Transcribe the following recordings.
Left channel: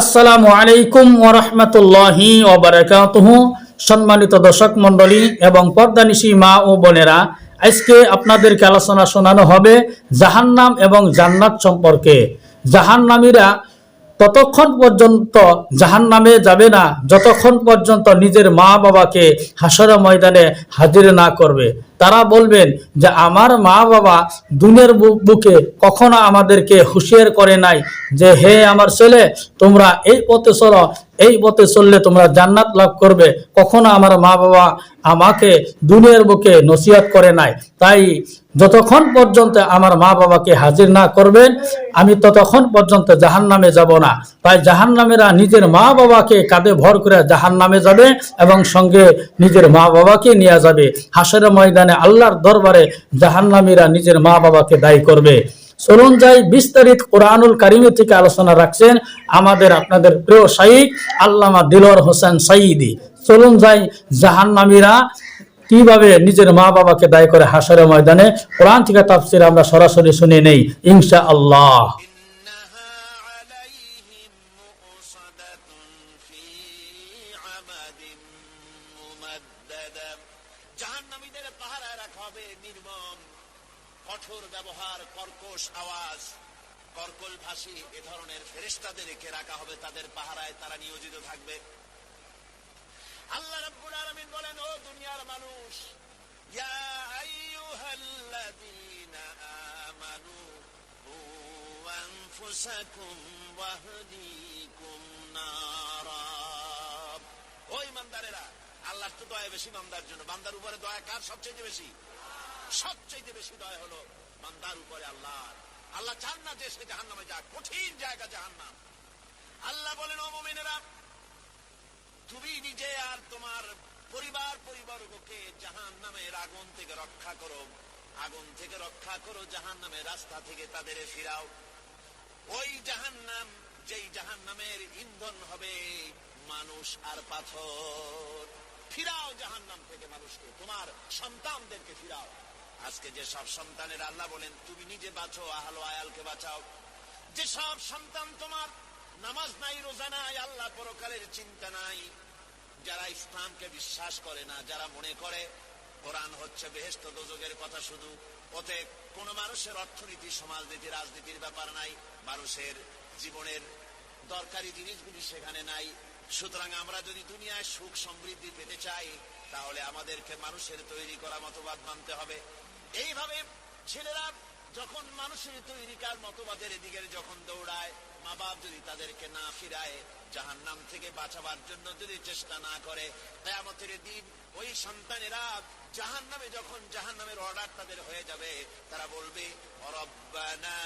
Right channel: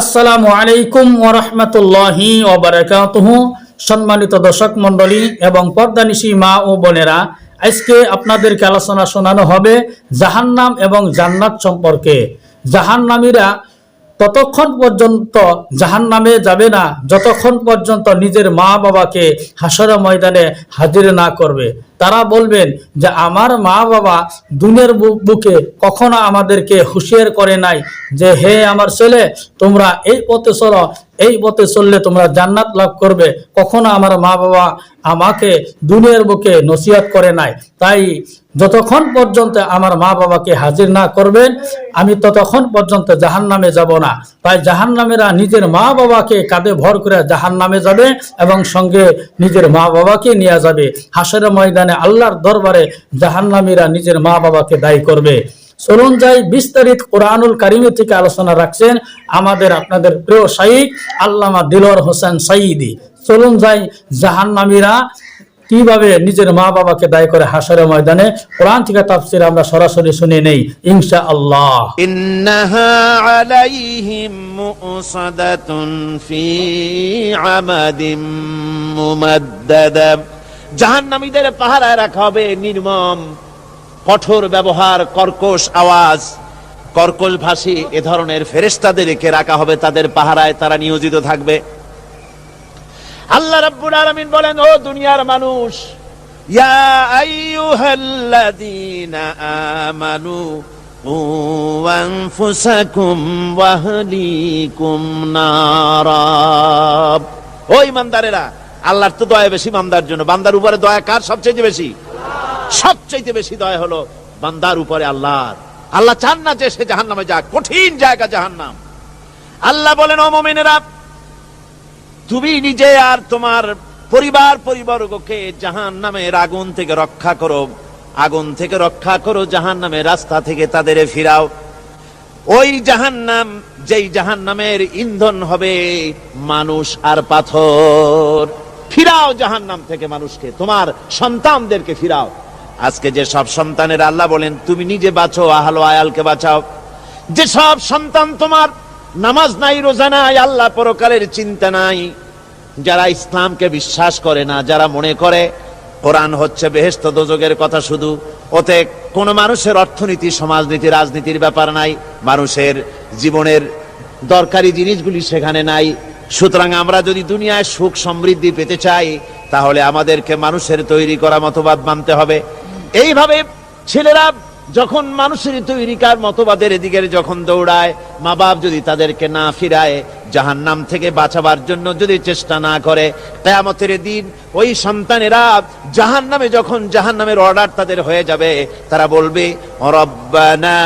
আসসালামু আলাইকুম ওয়া রাহমাতুল্লাহি ওয়া বারাকাতুহু। সম্মানিত দর্শক মণ্ডলী এবং পর্দানিশী মা ও বোনেরা, আজকে আপনাদেরকে আলোচনা শোনানো হবে জাহান্নাম এবং জান্নাত সম্পর্কে। জাহান্নামীরা ততক্ষণ পর্যন্ত জাহান্নামে যাবে না যতক্ষণ পর্যন্ত নিজের মা বাবাকে হাসরের ময়দানে হাজির না করবে। তারা বলবেন যে আমার মা বাবা দুনিয়ার বুকে কখনো আমাদেরকে হুঁশিয়ার করে নাই যে হে আমার ছেলে, তোমরা এই পথে চলো, এই পথে চললে তোমরা জান্নাত লাভ করবে। কখনো আমার মা বাবা আমাকে দুনিয়ার বুকে নসিহত করে নাই। তাই যতক্ষণ পর্যন্ত আমার মা বাবাকে হাজির না করবেন আমি ততক্ষণ পর্যন্ত জাহান্নামে যাব না। তাই জাহান্নামেরা নিজের মা বাবাকে কাঁধে ভর করে জাহান্নামে যাবে এবং সঙ্গে নিজের মা বাবাকে নিয়ে যাবে। হাসরের ময়দানে আল্লাহর দরবারে জাহান্নামীরা নিজের মা বাবাকে দায়ী করবে। চলুন যাই বিস্তারিত কোরআনুল কারিমে থেকে আলোচনা রাখছেন আমাদের আপনাদের প্রিয় শাইখ আল্লামা দিলওয়ার হোসেন সাঈদী। চলুন যাই জাহান্নামীরা কিভাবে নিজের মা বাবাকে দায়ী করে হাসরের ময়দানে। কোরআন থেকে তাফসীর আমরা সরাসরি শুনে নেই ইনশাআল্লাহ। ইন্নাহা আলাইহিম মুসাদাতুন ফি আমাদিম মুমাদ্দাদা। জাহান্নামীদের পাহারায় রাখা হবে নির্মম কঠোর ব্যবহার, কর্কশ আওয়াজ, কর্কশ ভাষী এ ধরনের ফেরেশতাদেরকে রাখা হবে তাদের পাহারায়, তারা নিয়োজিত থাকবে। আল্লাহ রাব্বুল আলামিন বলেন, ও দুনিয়ার মানুষ, ইয়া আইয়ুহাল্লাযীনা আমানু কু আনফুসাকুম ওয়া আহলিকুম নারা। ও ঈমানদারেরা, আল্লাহর তো দয়া বেশি বান্দার জন্য। বান্দার উপরে দয়া কার সবচেয়ে বেশি? সবচেয়ে বেশি দয়া হলো বান্দার উপরে আল্লাহর। আল্লাহ চান না যে সে জাহান্নামে যাক, কঠিন জায়গা জাহান্নাম। আল্লাহ বলেন, ও মুমিনেরা, তুমি নিজে আর তোমার পরিবারবর্গকে জাহান্নামের আগুন থেকে রক্ষা করো, আগুন থেকে রক্ষা করো, জাহান্নামের রাস্তা থেকে তাদের ফিরাও। ওই জাহান্নাম, যেই জাহান্নামের ইন্ধন হবে মানুষ আর পাথর। ফিরাও জাহান্নাম থেকে মানুষকে, তোমার সন্তানদেরকে ফিরাও। আজকে যে সব সন্তানের আল্লাহ বলেন তুমি নিজে বাঁচো, আহল আয়ালকে বাঁচাও। যে সব সন্তান তোমার নামাজ নাই, রোজা নাই, আল্লাহ পরকালের চিন্তা নাই, যারা ইসলামকে বিশ্বাস করে না, যারা মনে করে কোরআন হচ্ছে বেহেশত দোজখের কথা শুধু, ওতে কোন মানুষের অর্থনীতি, সমাজনীতি, রাজনীতির ব্যাপার নাই, মানুষের জীবনের দরকারি জিনিসগুলি সেখানে নাই। সুতরাং আমরা যদি দুনিয়ায় সুখ সমৃদ্ধি পেতে চাই তাহলে আমাদেরকে মানুষের তৈরি করা মতবাদ মানতে হবে। এইভাবে ছেলেরা যখন মানুষের তৈরিকার মতবাদের এদিকে যখন দৌড়ায়, মা বাপ যদি তাদেরকে না ফিরায়, জাহান্নাম থেকে বাঁচাবার জন্য যদি চেষ্টা না করে, কিয়ামতের দিন ওই সন্তানেরা জাহান্নামে, যখন জাহান্নামের অর্ডার তাদের হয়ে যাবে, তারা বলবে, রব্বানা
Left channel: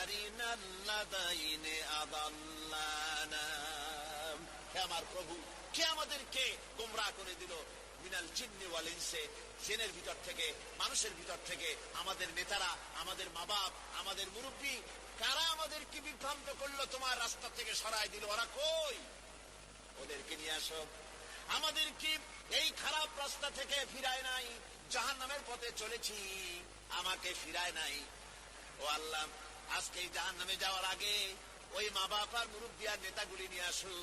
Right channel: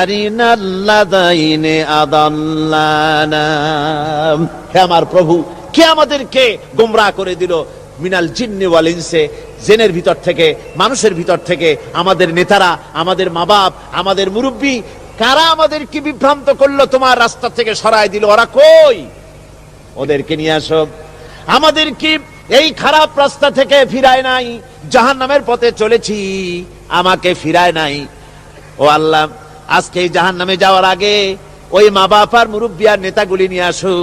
আরিনাল্লাযাইনি আদাল্লানা। হে আমার প্রভু, কে আমাদেরকে গোমরাহ করে দিল, মিনাল জিন্নি ওয়াল ইনসে, জিনের ভিতর থেকে, মানুষের ভিতর থেকে, আমাদের নেতারা, আমাদের মা বাপ, আমাদের মুরব্বী, কারা আমাদেরকে বিভ্রান্ত করলো, তোমার রাস্তা থেকে সরায় দিল, ওরা কই? ওদেরকে নিয়ে আসো। আমাদেরকে এই খারাপ রাস্তা থেকে ফিরায় নাই, জাহান্নামের পথে চলেছি, আমাকে ফিরায় নাই। ও আল্লাহ, আজকে এই জাহান্নামে যাওয়ার আগে ওই মা বাপ আর মুরব্বী আর নেতাগুলি নিয়ে আসো।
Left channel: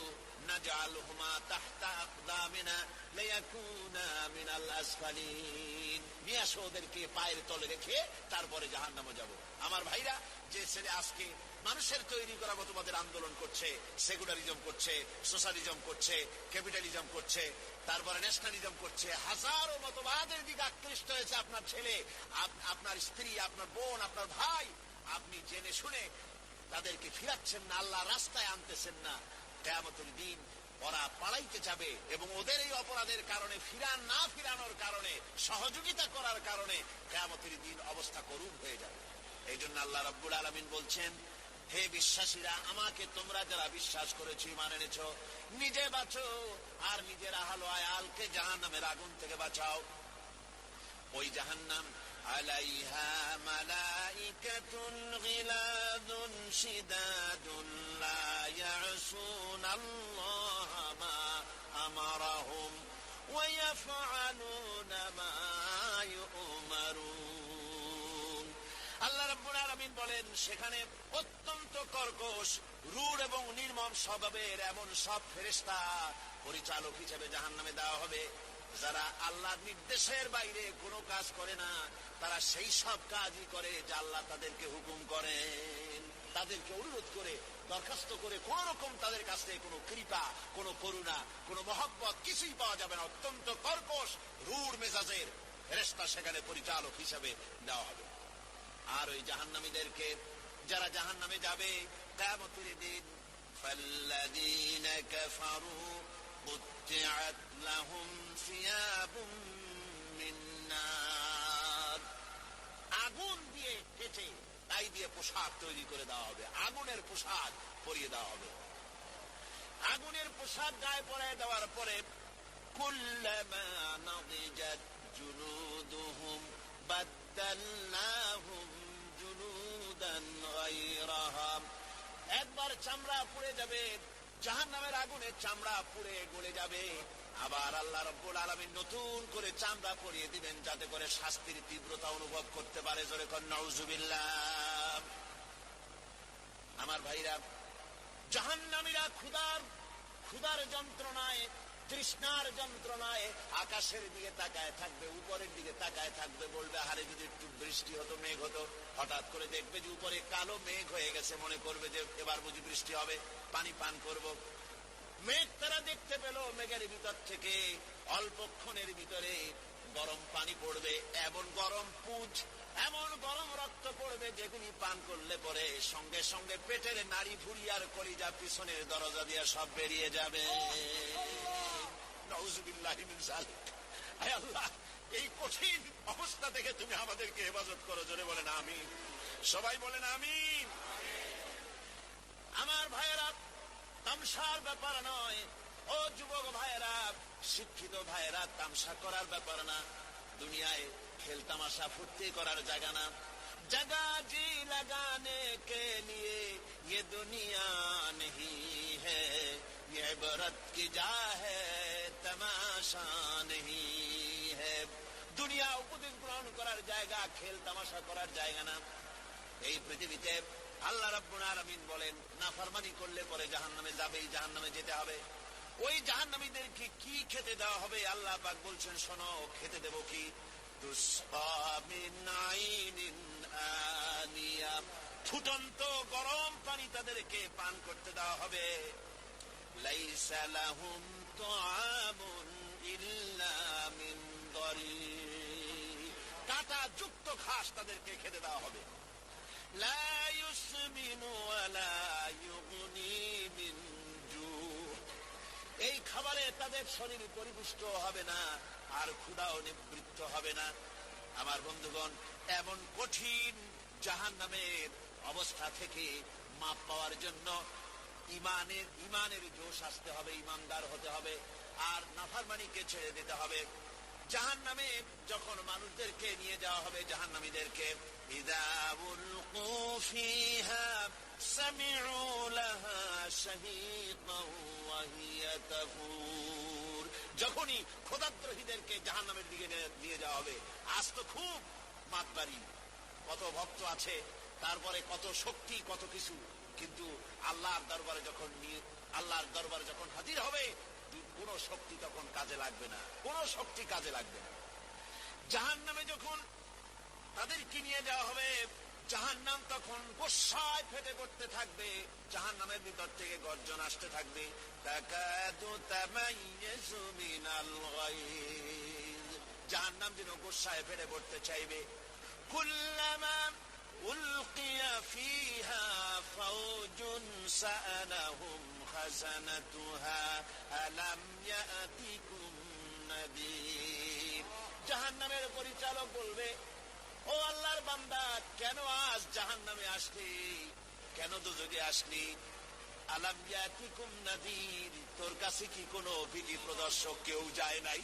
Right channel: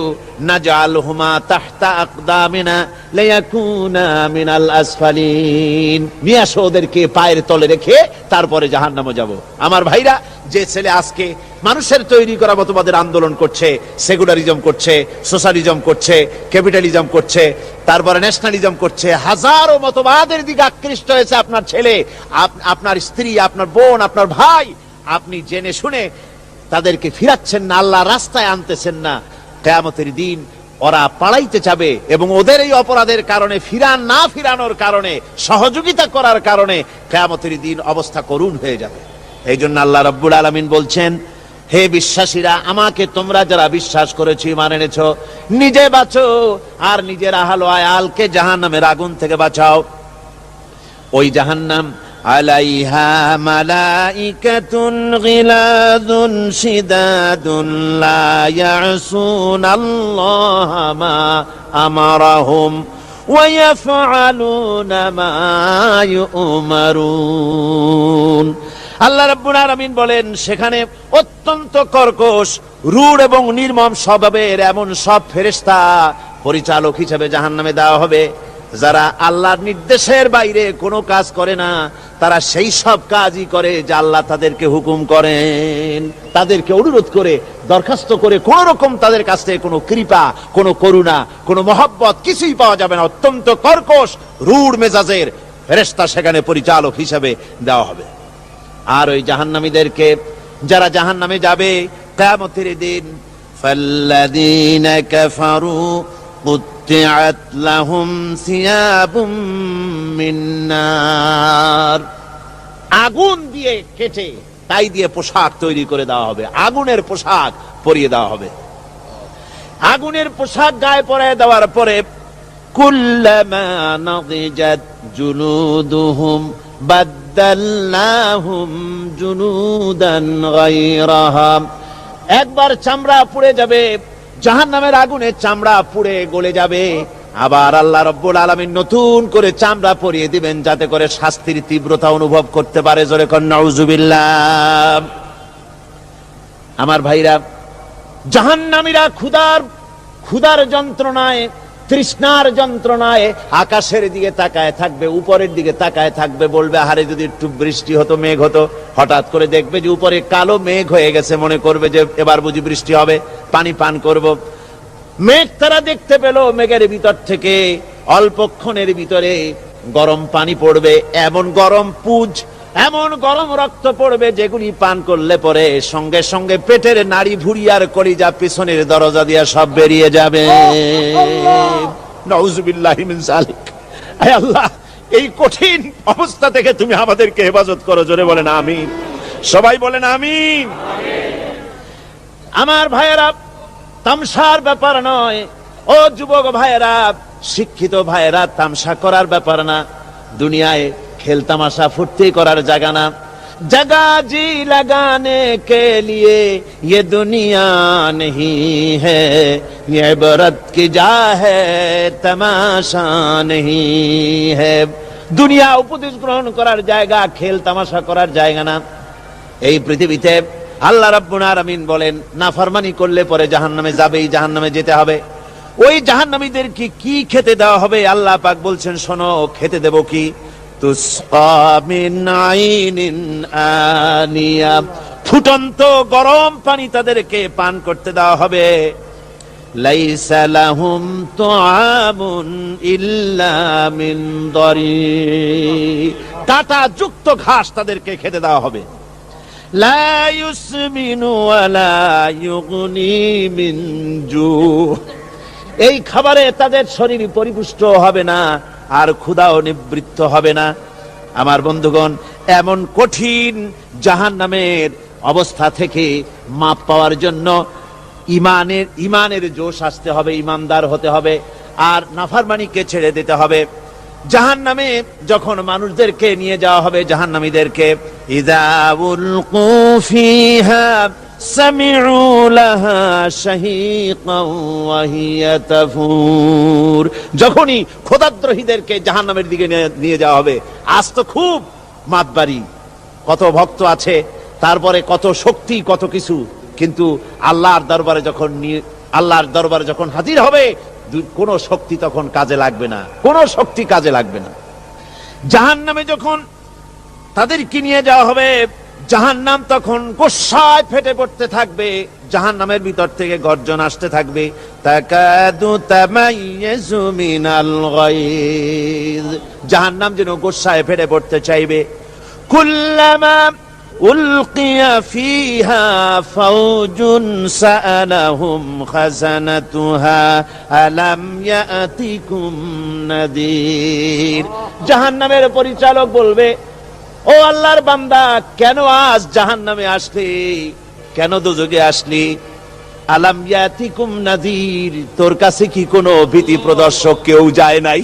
নাজআলহুমা তাহতা আকদামিনা লিয়াকুনা মিনাল আসফালিন। নিয়ে আসো ওদেরকে পায়ের তলে রেখে তারপরে জাহান্নামে যাব। আমার ভাইরা, যে ছেলে আজকে মানুষের তৈরি করা মতবাদের আন্দোলন করছে, সেকুলারিজম করছে, সোশ্যালিজম করছে, ক্যাপিটালিজম করছে, তারপরে ন্যাশনালিজম করছে, হাজারো মতবাদের দিকে আকৃষ্ট হয়েছে আপনার ছেলে, আপনার স্ত্রী, আপনার বোন, আপনার ভাই, আপনি জেনে শুনে তাদেরকে ফিরাচ্ছেন না, আল্লাহ রাস্তায় আনতেছেন না। কিয়ামতের দিন ওরা পালাইতে যাবে এবং ওদের এই অপরাধের কারণে, না ফিরানোর কারণে, সহযোগিতা করার কারণে কিয়ামতের দিন অবস্থা করুণ হয়ে যাবে। এই জন্য আল্লাহ রাব্বুল আলামিন বলছেন, হে বিশ্বাসীরা, আমাকে তোমরা যারা বিশ্বাস করেছো, ঈমান এনেছো, নিজে বাঁচো আর নিজের আহল আয়ালকে জাহান্নামের আগুন থেকে বাঁচাও। ওই জাহান্নাম আলাইহা মালাইকাতুন গিলাযুন শিদাদুন লা ইয়াসুনাল্লাহা মা আমারাহুম ওয়া ইয়াফআলুনা মা ইউমারুন। আল্লাহ রাব্বুল আলামিন বলেন সেখানে অত্যন্ত কর্কশ, রূঢ় এবং নির্মম স্বভাবের এমন সব ফেরেশতা পরিচালক হিসেবে জাহান্নামে দেওয়া হবে, যারা আল্লাহর নির্দেশের বাইরে কোনো কাজ করে না, তারা সেই সব কাজই করে যা আল্লাহ তাদেরকে হুকুম করেন। তাদেরকে অনুরোধ করে, দরখাস্ত করে কোন রকম তাদের কাছ থেকে কোনো কৃপা, কোনো করুণা, কোনো মহব্বত কিছুই পাওয়া যাবে না। অত্যন্ত কর্কশ, রূঢ় মেজাজের ফেরেশতা সেখানে পরিচালক হিসেবে দেওয়া হবে। আর ওই জাহান্নামীদেরকে, যারা জাহান্নামে যাবে কিয়ামতের দিন, ফাল্লাযীনা কাফারু কুত্তিআত লাহুম সিয়াবুম মিন নার, আগুন দিয়ে কেটে তাই দিয়ে পোশাক তৈরি করে দেওয়া হবে, আগুনের পোশাক পরিয়ে দেওয়া হবে। আগুনের পোশাক গায়ে পরিয়ে দেওয়ার পরে কুল্লামা নাদিজাত জুলুদুহুম বাদদালনাহুম জুলুদান গায়রাহা, একবার চামড়া পুড়ে যাবে, জাহান্নামের আগুনে চামড়া পুড়ে গলে যাবে, আবার আল্লাহ রাব্বুল আলামিন নতুন করে চামড়া পরিয়ে দিবেন যাতে করে শাস্তির তীব্রতা অনুভব করতে পারে। জোরে কোন নাউজুবিল্লাহ। আমার ভাইরা, জাহান্নামীরা ক্ষুধার যন্ত্রণায়, তৃষ্ণার যন্ত্রণায় আকাশের দিকে তাকায় থাকবে, উপরের দিকে তাকায় থাকবে, বলবে আরে যদি একটু বৃষ্টি হতো, মেঘ হতো। হঠাৎ করে দেখবে যে উপরে কালো মেঘ হয়ে গেছে, মনে করবে যে এবার বুঝি বৃষ্টি হবে, পানি পান করব। মেঘ তারা দেখতে পেল, মেঘের ভিতর থেকে অল্পক্ষণের ভিতরে গরম পানি পড়বে, এমন গরম পুঁজ, এমন গরম রক্ত পড়বে যেগুলি পান করলে পরে সঙ্গে সঙ্গে পেটের নাড়ি ভুঁড়ি আর কলিজা পিছনের দরজা দিয়ে সব বেরিয়ে যাবে। নাউজুবিল্লাহি মিন যালিক। আয় আল্লাহ, এই কঠিন অবস্থা থেকে তুমি আমাদেরকে হেফাজত করো। জোরে বলেন আমিন। সবাই বলেন আমিন। আমার ভাইয়েরা, তামসার ব্যাপার নয়। ও যুবক ভাইয়েরা, শিক্ষিত ভাইয়েরা, তামসা করার ব্যাপার না। দুনিয়ায় খেল তামাশা ফুর্তি করার জায়গা না। जगह जी लगाने के लिए ये दुनिया नहीं है, ये इबरत की जा है तमाशा नहीं है। দুনিয়া উপদেশ গ্রহণ করার জায়গা, খেল তামাশা করার জায়গা না। এই পৃথিবীতে আল্লাহ রাব্বুল আলামিন বলেন নাফরমানি করলে পরে জাহান্নামে যাবেই, জাহান্নামে যেতে হবে। ওই জাহান্নামীদেরকে কি খেতে দেওয়া হবে? আল্লাহ পাক বলছেন শোনো, খেতে দেব কি? তুসকা মিন আইনিন আনিয়া, ফুটন্ত গরম পানি তাদেরকে পান করতে দেওয়া হবে। লাইসা লাহুম তুআমুন ইল্লা মিন দারি, কাঁটা যুক্ত ঘাস তাদেরকে খেতে দেওয়া হবে। লা ইউসমিনু ওয়ালা ইউগনি মিন জু, এই খাবারে তাদের শরীর পরিপুষ্ট হবে না, আর ক্ষুধাও নিবৃত্ত হবে না। আমার বন্ধুগণ, এমন কঠিন জাহান্নামের অবস্থা থেকে মাপ পাওয়ার জন্য ইমানের জোশ আসতে হবে, ইমানদার হতে হবে, আর নাফরমানিকে ছেড়ে দিতে হবে। জাহান্নামে যখন মানুষদেরকে নিয়ে যাওয়া হবে, জাহান্নামীদেরকে, ইযা উলকু ফিহা সামিউ লাহা শাহীকান ওয়া হিয়া তাফুর, যখনই খোদাদ্রোহীদেরকে জাহান্নামের দিকে নিয়ে যাওয়া হবে, আজ তো খুব মাতবাড়ি, কত ভক্ত আছে, তারপরে কত শক্তি, কত কিছু, কিন্তু আল্লাহর দরবারে যখন হাজির হবে, কোন শক্তি তখন কাজে লাগবে না, কোন শক্তি কাজে লাগবে না। জাহান্নামে যখন তাদেরকে নিয়ে যাওয়া হবে, জাহান্নাম তখন গোসায় ফেটে পড়তে থাকবে, জাহান্নামের ভিতর থেকে গর্জন আসতে থাকবে, তাকাদু তামাইয়াজু মিনাল গায়জ, জাহান্নাম যেন গোসায় ফেটে পড়তে চাইবে। কুল্লামা উলকিয়া ফিহা ফাওজুন সাআলাহুম খাজানাতুহা আলাম ইয়াতিকুম নাদির, জাহান্নামের পরিচালক বলবে, ও আল্লাহর বান্দা, কেন আজ জাহান্নামে আসলি, কেন দোজখে আসলি? আলাম ইয়াতিকুম নাদির, তোর কাছে কি কোনো ভীতি প্রদর্শক কেউ যায় নাই?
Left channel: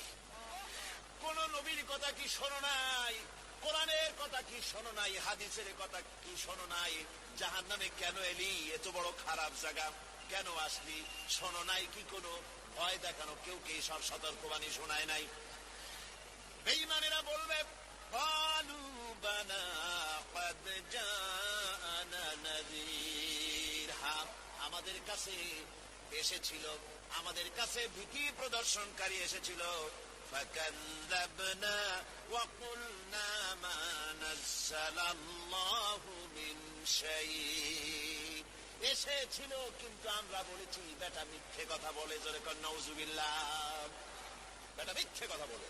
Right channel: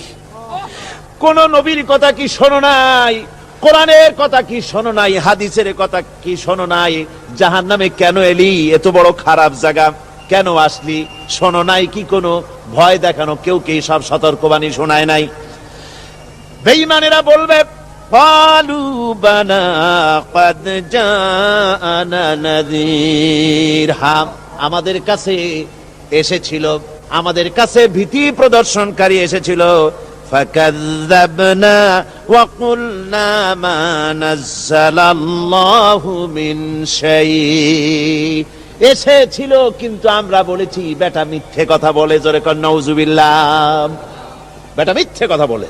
কোন নবীর কথা কি শোনো নাই? কোরআনের কথা কি শোনো নাই? হাদিসের কথা কি শোনো নাই? জাহান্নামে কেন এলি? এত বড় খারাপ জায়গা কেন আসলি? শোনো নাই কি কোনো ভয় দেখানো কেউ কি সব সতর্কবাণী শোনায় নাই? বেঈমানেরা বলবে, ক্বালু বালা ক্বাদ জাআনা নাযীর, হ্যাঁ আমাদের কাছে এসেছিল, আমাদের কাছে ভীতি প্রদর্শনকারী এসেছিল। ফাকাযযাবনা ওয়া কুলনা মা নাযালাল্লাহু মিন শাই, এসেছিল কিন্তু আমরা বলেছি বেটা মিথ্যে কথা বলে। জোরে কর নাউযুবিল্লাহ। বেটা মিথ্যে কথা বলে।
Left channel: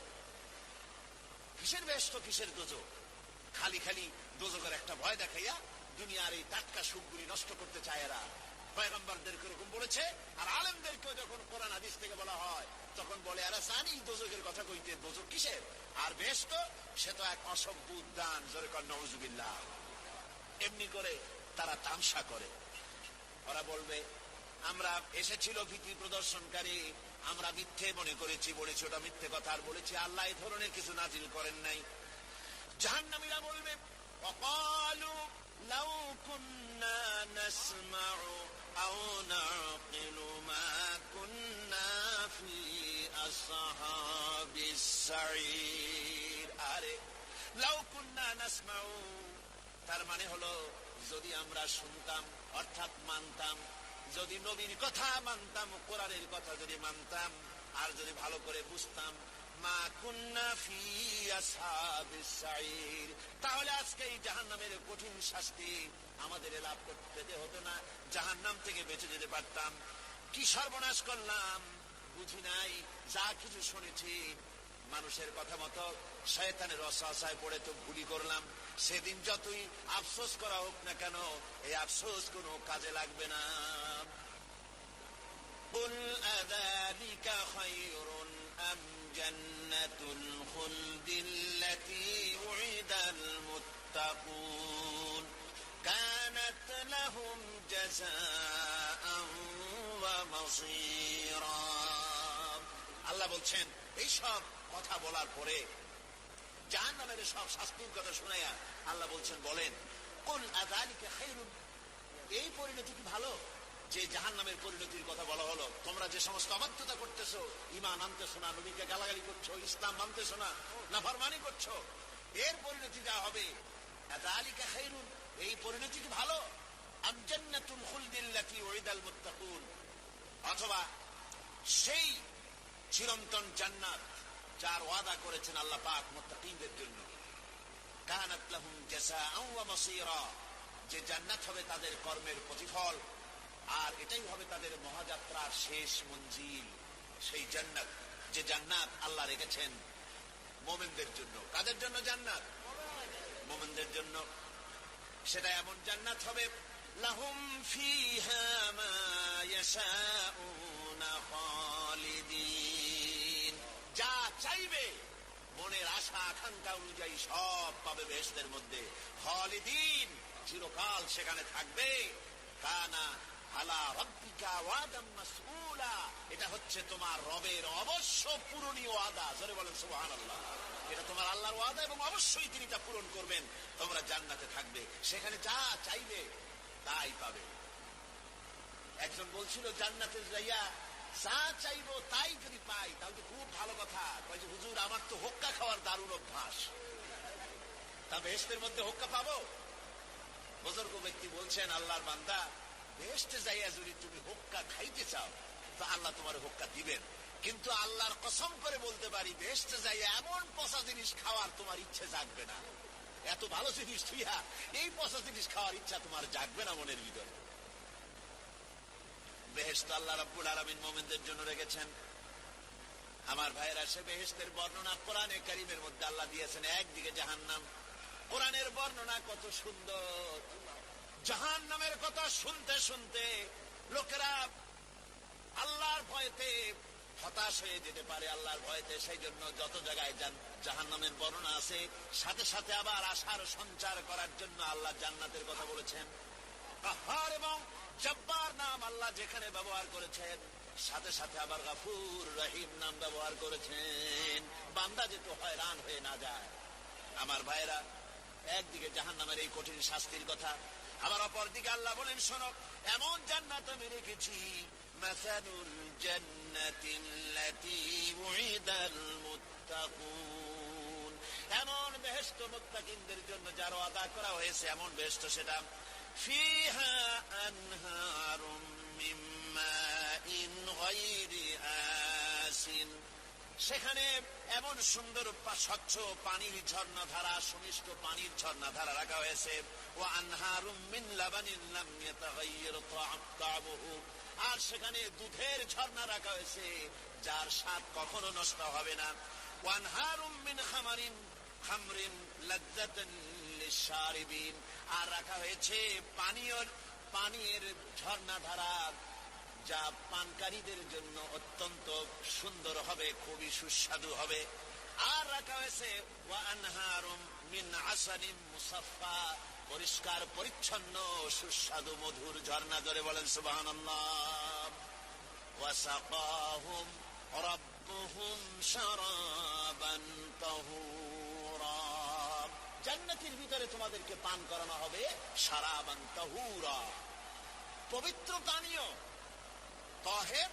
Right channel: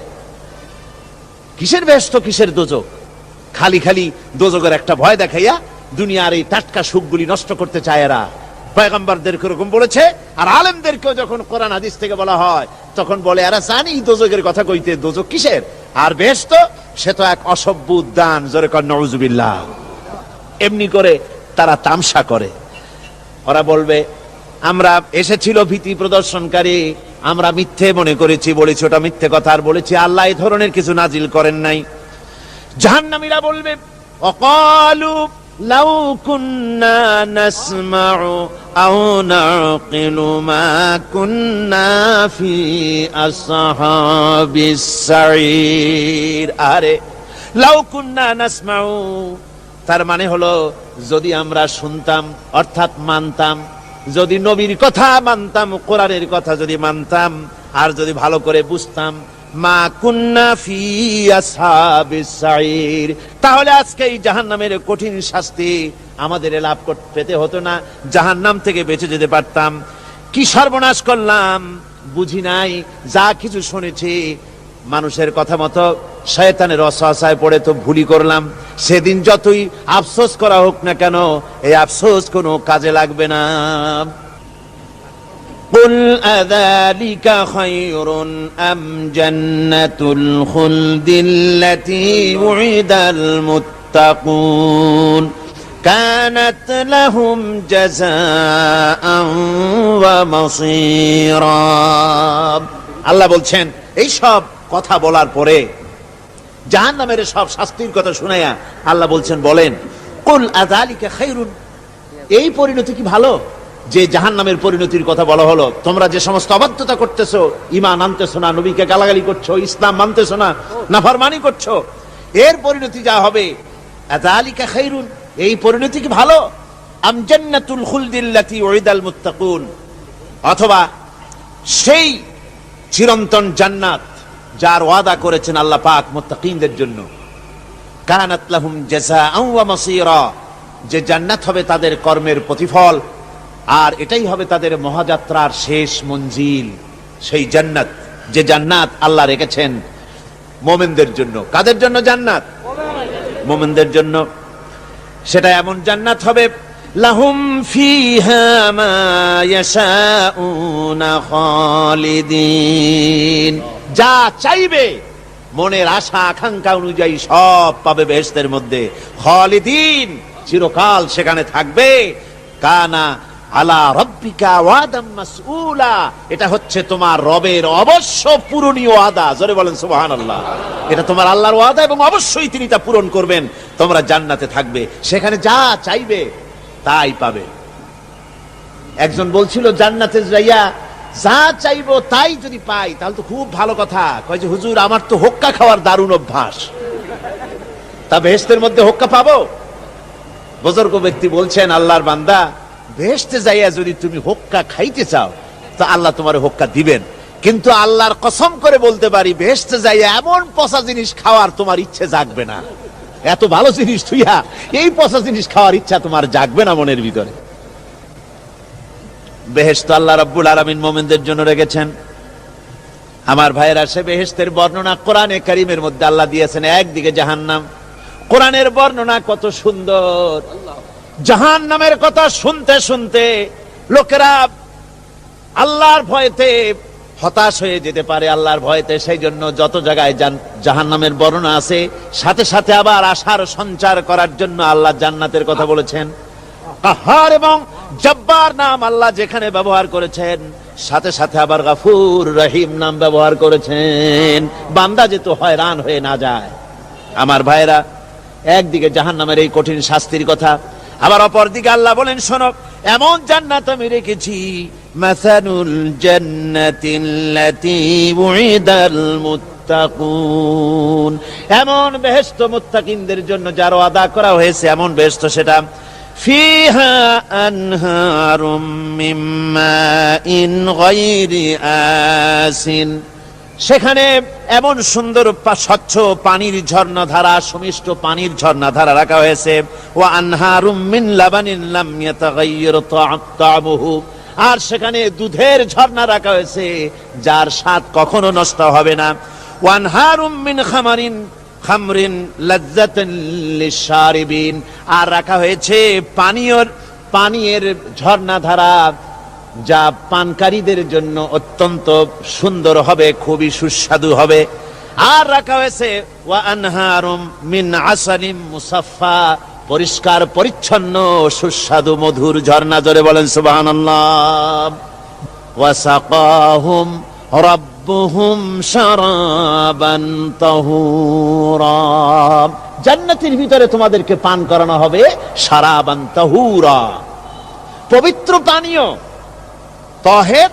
কিসের বেহেশত কিসের দোজক? খালি খালি দোজকের একটা ভয় দেখাইয়া দুনিয়ার এই টাটকা সুখগুলি নষ্ট করতে চায় এরা। পয়গম্বরদেরকে এরকম বলেছে, আর আলেমদেরকেও যখন কোরআন হাদিস থেকে বলা হয় তখন বলে এরা জানি দোজকের কথা কইতে, দোজক কিসের আর বেহেশত, সে তো এক অসভ্য উদ্যান। জোরে কর নাউযুবিল্লাহ। এমনি করে তারা তামসা করে। ওরা বলবে আমরা এসেছিল ভীতি প্রদর্শনকারী, আমরা মিথ্যে মনে করেছি, বলেছি ওটা মিথ্যে কথা, আর বলেছি আল্লাহ এই ধরনের কিছু নাজিল করেন নাই। জাহান্নামীরা বলবে অকালু লাউ কুন্না নাসমাউ আও নাকিলু মা কুন্না ফি আসহাবিস সাঈর। আরে লাউ কুন্না নাসমাউ, তার মানে হলো যদি আমরা শুনতাম অর্থাৎ মানতাম, যদি নবীর কথা মানতাম, কোরআনের কথা যদি মানতাম, আর যদি ভালো করে বুঝতাম, মা কুন্না ফি আসহাবিস সাঈর, তাহলে আজকে এই জাহান্নামের কঠিন শাস্তি আমাদের লাভ পেতে হতো না, জাহান্নাম থেকে বেঁচে যেতে পারতাম। কি সর্বনাশ করলাম বুঝি নাই, যা কিছু শুনেছি মানুষের কথা মতো শয়তানের ওয়াসওয়াসায় পড়ে তো ভুলই করলাম। সেদিন যতই আফসোস করা হোক না কেন, এই আফসোস কোনো কাজে লাগবে না। কুল আযালিকা খায়রুন আম জান্নাতুল খুলদিল্লাতী উইদাল মুত্তাকুন কানাত লাহুম জাযাআন ওয়া মাসীরা। আল্লাহ বলছেন এই সব কথা বলার পরে, জাহান্নামের সব শাস্তির কথা শুনাইয়া আল্লাহ বলছেন বলেন কুল আযালিকা খায়রুন, এই পরিণতি কি ভালো যে জাহান্নামের পরিণতির কথা বলা হলো? তোমরা যে সমস্ত অবাধ্যতা করতেছো, ঈমান আনতেছো না, নবীকে গালাগালি করছো, ইসলাম মানতেছো না, নাফরমানি করছো, এর পরিণতি যা হবে, আযালিকা খায়রুন, এই পরিণতি কি ভালো? আম জান্নাতুল খুলদিল্লাতী উইদাল মুত্তাকুন, অথবা সেই চিরন্তন জান্নাত যার ওয়াদা করেছেন আল্লাহ পাক মুত্তাকিনদের জন্য, কানাত লাহুম জাযাআন ওয়া মাসীরা, যে জান্নাত হবে তাদের কর্মের প্রতিফল, আর এটাই হবে তাদের মহাযাত্রার শেষ মঞ্জিল। সেই জান্নাত, যে জান্নাত আল্লাহ রেখেছেন মুমিনদের জন্য। কাদের জন্য জান্নাত? মুমিনদের জন্য। সেটা এমন জান্নাত হবে লাহুম ফিহা মা ইয়াশাউনা খালিদিন, যা চাইবে মনের আশা আকাঙ্ক্ষা অনুযায়ী সব পাবে বেহেশতের মধ্যে। খালিদিন, চিরকাল সেখানে থাকবে। কানা আলা রাব্বিকা ওয়াদাম মাসউলা, এটা হচ্ছে তোমার রবের অবশ্য পূরণীয় ওয়াদা। জোরে বলেন সুবহানাল্লাহ। এটা তোমার আল্লাহর ওয়াদা এবং অবশ্যই তিনি তা পূরণ করবেন। তোমরা জান্নাতে থাকবে, সেখানে যা চাইবে তাই পাবে। একজন বলছিল জান্নাতে যাইয়া যা চাইবো তাই যদি পাই তাহলে তো খুব ভালো কথা। কয় যে হুজুর আমার তো হোক্কা খাওয়ার দারুণ অভ্যাস, তা বেহেশতের মধ্যে হোক্কা পাবো? বুজুর্গ ব্যক্তি বলছেন আল্লাহর বান্দা, বেহেশতে যাইয়া যদি তুমি হোক্কা খাইতে চাও তো আল্লাহ তোমার হোক্কা দিবেন, কিন্তু আল্লাহর কসম করে বলতে পারি বেহেশতে যাইয়া এমন পচা জিনিস খাওয়ার তোমার ইচ্ছে জাগবে না। এত ভালো জিনিস তুইয়া এই পচা জিনিস খাওয়ার ইচ্ছা তোমার জাগবে না মনের ভিতরে। বেহেশত আল্লাহ রাব্বুল আলামিন মুমিনদের জন্য রেখেছেন। আমার ভাইয়েরা, সে বেহেশতের বর্ণনা কোরআনে কারীমের মধ্যে আল্লাহ দিয়েছেন। একদিকে জাহান্নাম, কোরআনের বর্ণনা কত সুন্দর। জাহান্নামের কথা শুনতে শুনতে লোকেরা আল্লাহর ভয়তে হতাশ হয়ে যেতে পারে, আল্লাহর ভয়তে। সেই জন্য যত জায়গায় জাহান্নামের বর্ণনা আছে, সাথে সাথে আবার আশার সঞ্চার করার জন্য আল্লাহ জান্নাতের কথা বলেছেন। কাহার এবং জব্বার নাম আল্লাহ যেখানে ব্যবহার করেছেন, সাথে সাথে আবার গাফুর রহিম নাম ব্যবহার করেছেন, বান্দা যেহেতু হয়রান হয়ে না যায়। আমার ভাইরা, একদিকে জাহান্নামের এই কঠিন শাস্তির কথা, আবার অপর দিকে আল্লাহ বলেন শোনো, এমন জান্নাত আমি রেখেছি, মাসানুল জান্নাতিল্লাতী উইদাল মুত্তাকুন। এমন বেহেশত মুত্তাকিনদের জন্য যার ওয়াদা করা হয়েছে, এমন বেহেশত সেটা ফিহা আনহারুম মিন মাইন গায়রি আসিন। সেখানে এমন সুন্দর স্বচ্ছ পানির ঝর্ণাধারা, সুমিষ্ট পানির ঝর্ণাধারা রাখা হয়েছে। ওয়া আনহারুম মিন লাবানিন লাম ইয়াতাগায়্যার তা'আমুহু। আর সেখানে দুধের ঝর্ণা রাখা হয়েছে যার স্বাদ কখনো নষ্ট হবে না। ওয়া আনহারুম মিন খামরিন লাজ্জাতান লিশারিবিন। আর রাখা হয়েছে পানীয়ের ঝর্ণাধারা যা পানকারীদের জন্য অত্যন্ত সুন্দর হবে, খুবই সুস্বাদু হবে। আর রাখা হয়েছে ওয়া আনহারুম মিন আসালিম মুসাফফা, পরিষ্কার পরিচ্ছন্ন সুস্বাদু মধুর ঝর্ণা। জোরে বলেন সুবহানাল্লাহ। ওয়া সাকাহুম রাব্বুহুম শারাবান তাহুরা। জান্নাতের ভিতরে তোমাদেরকে পান করানো হবে শারাবান তাহুরা, পবিত্র পানীয়। তহের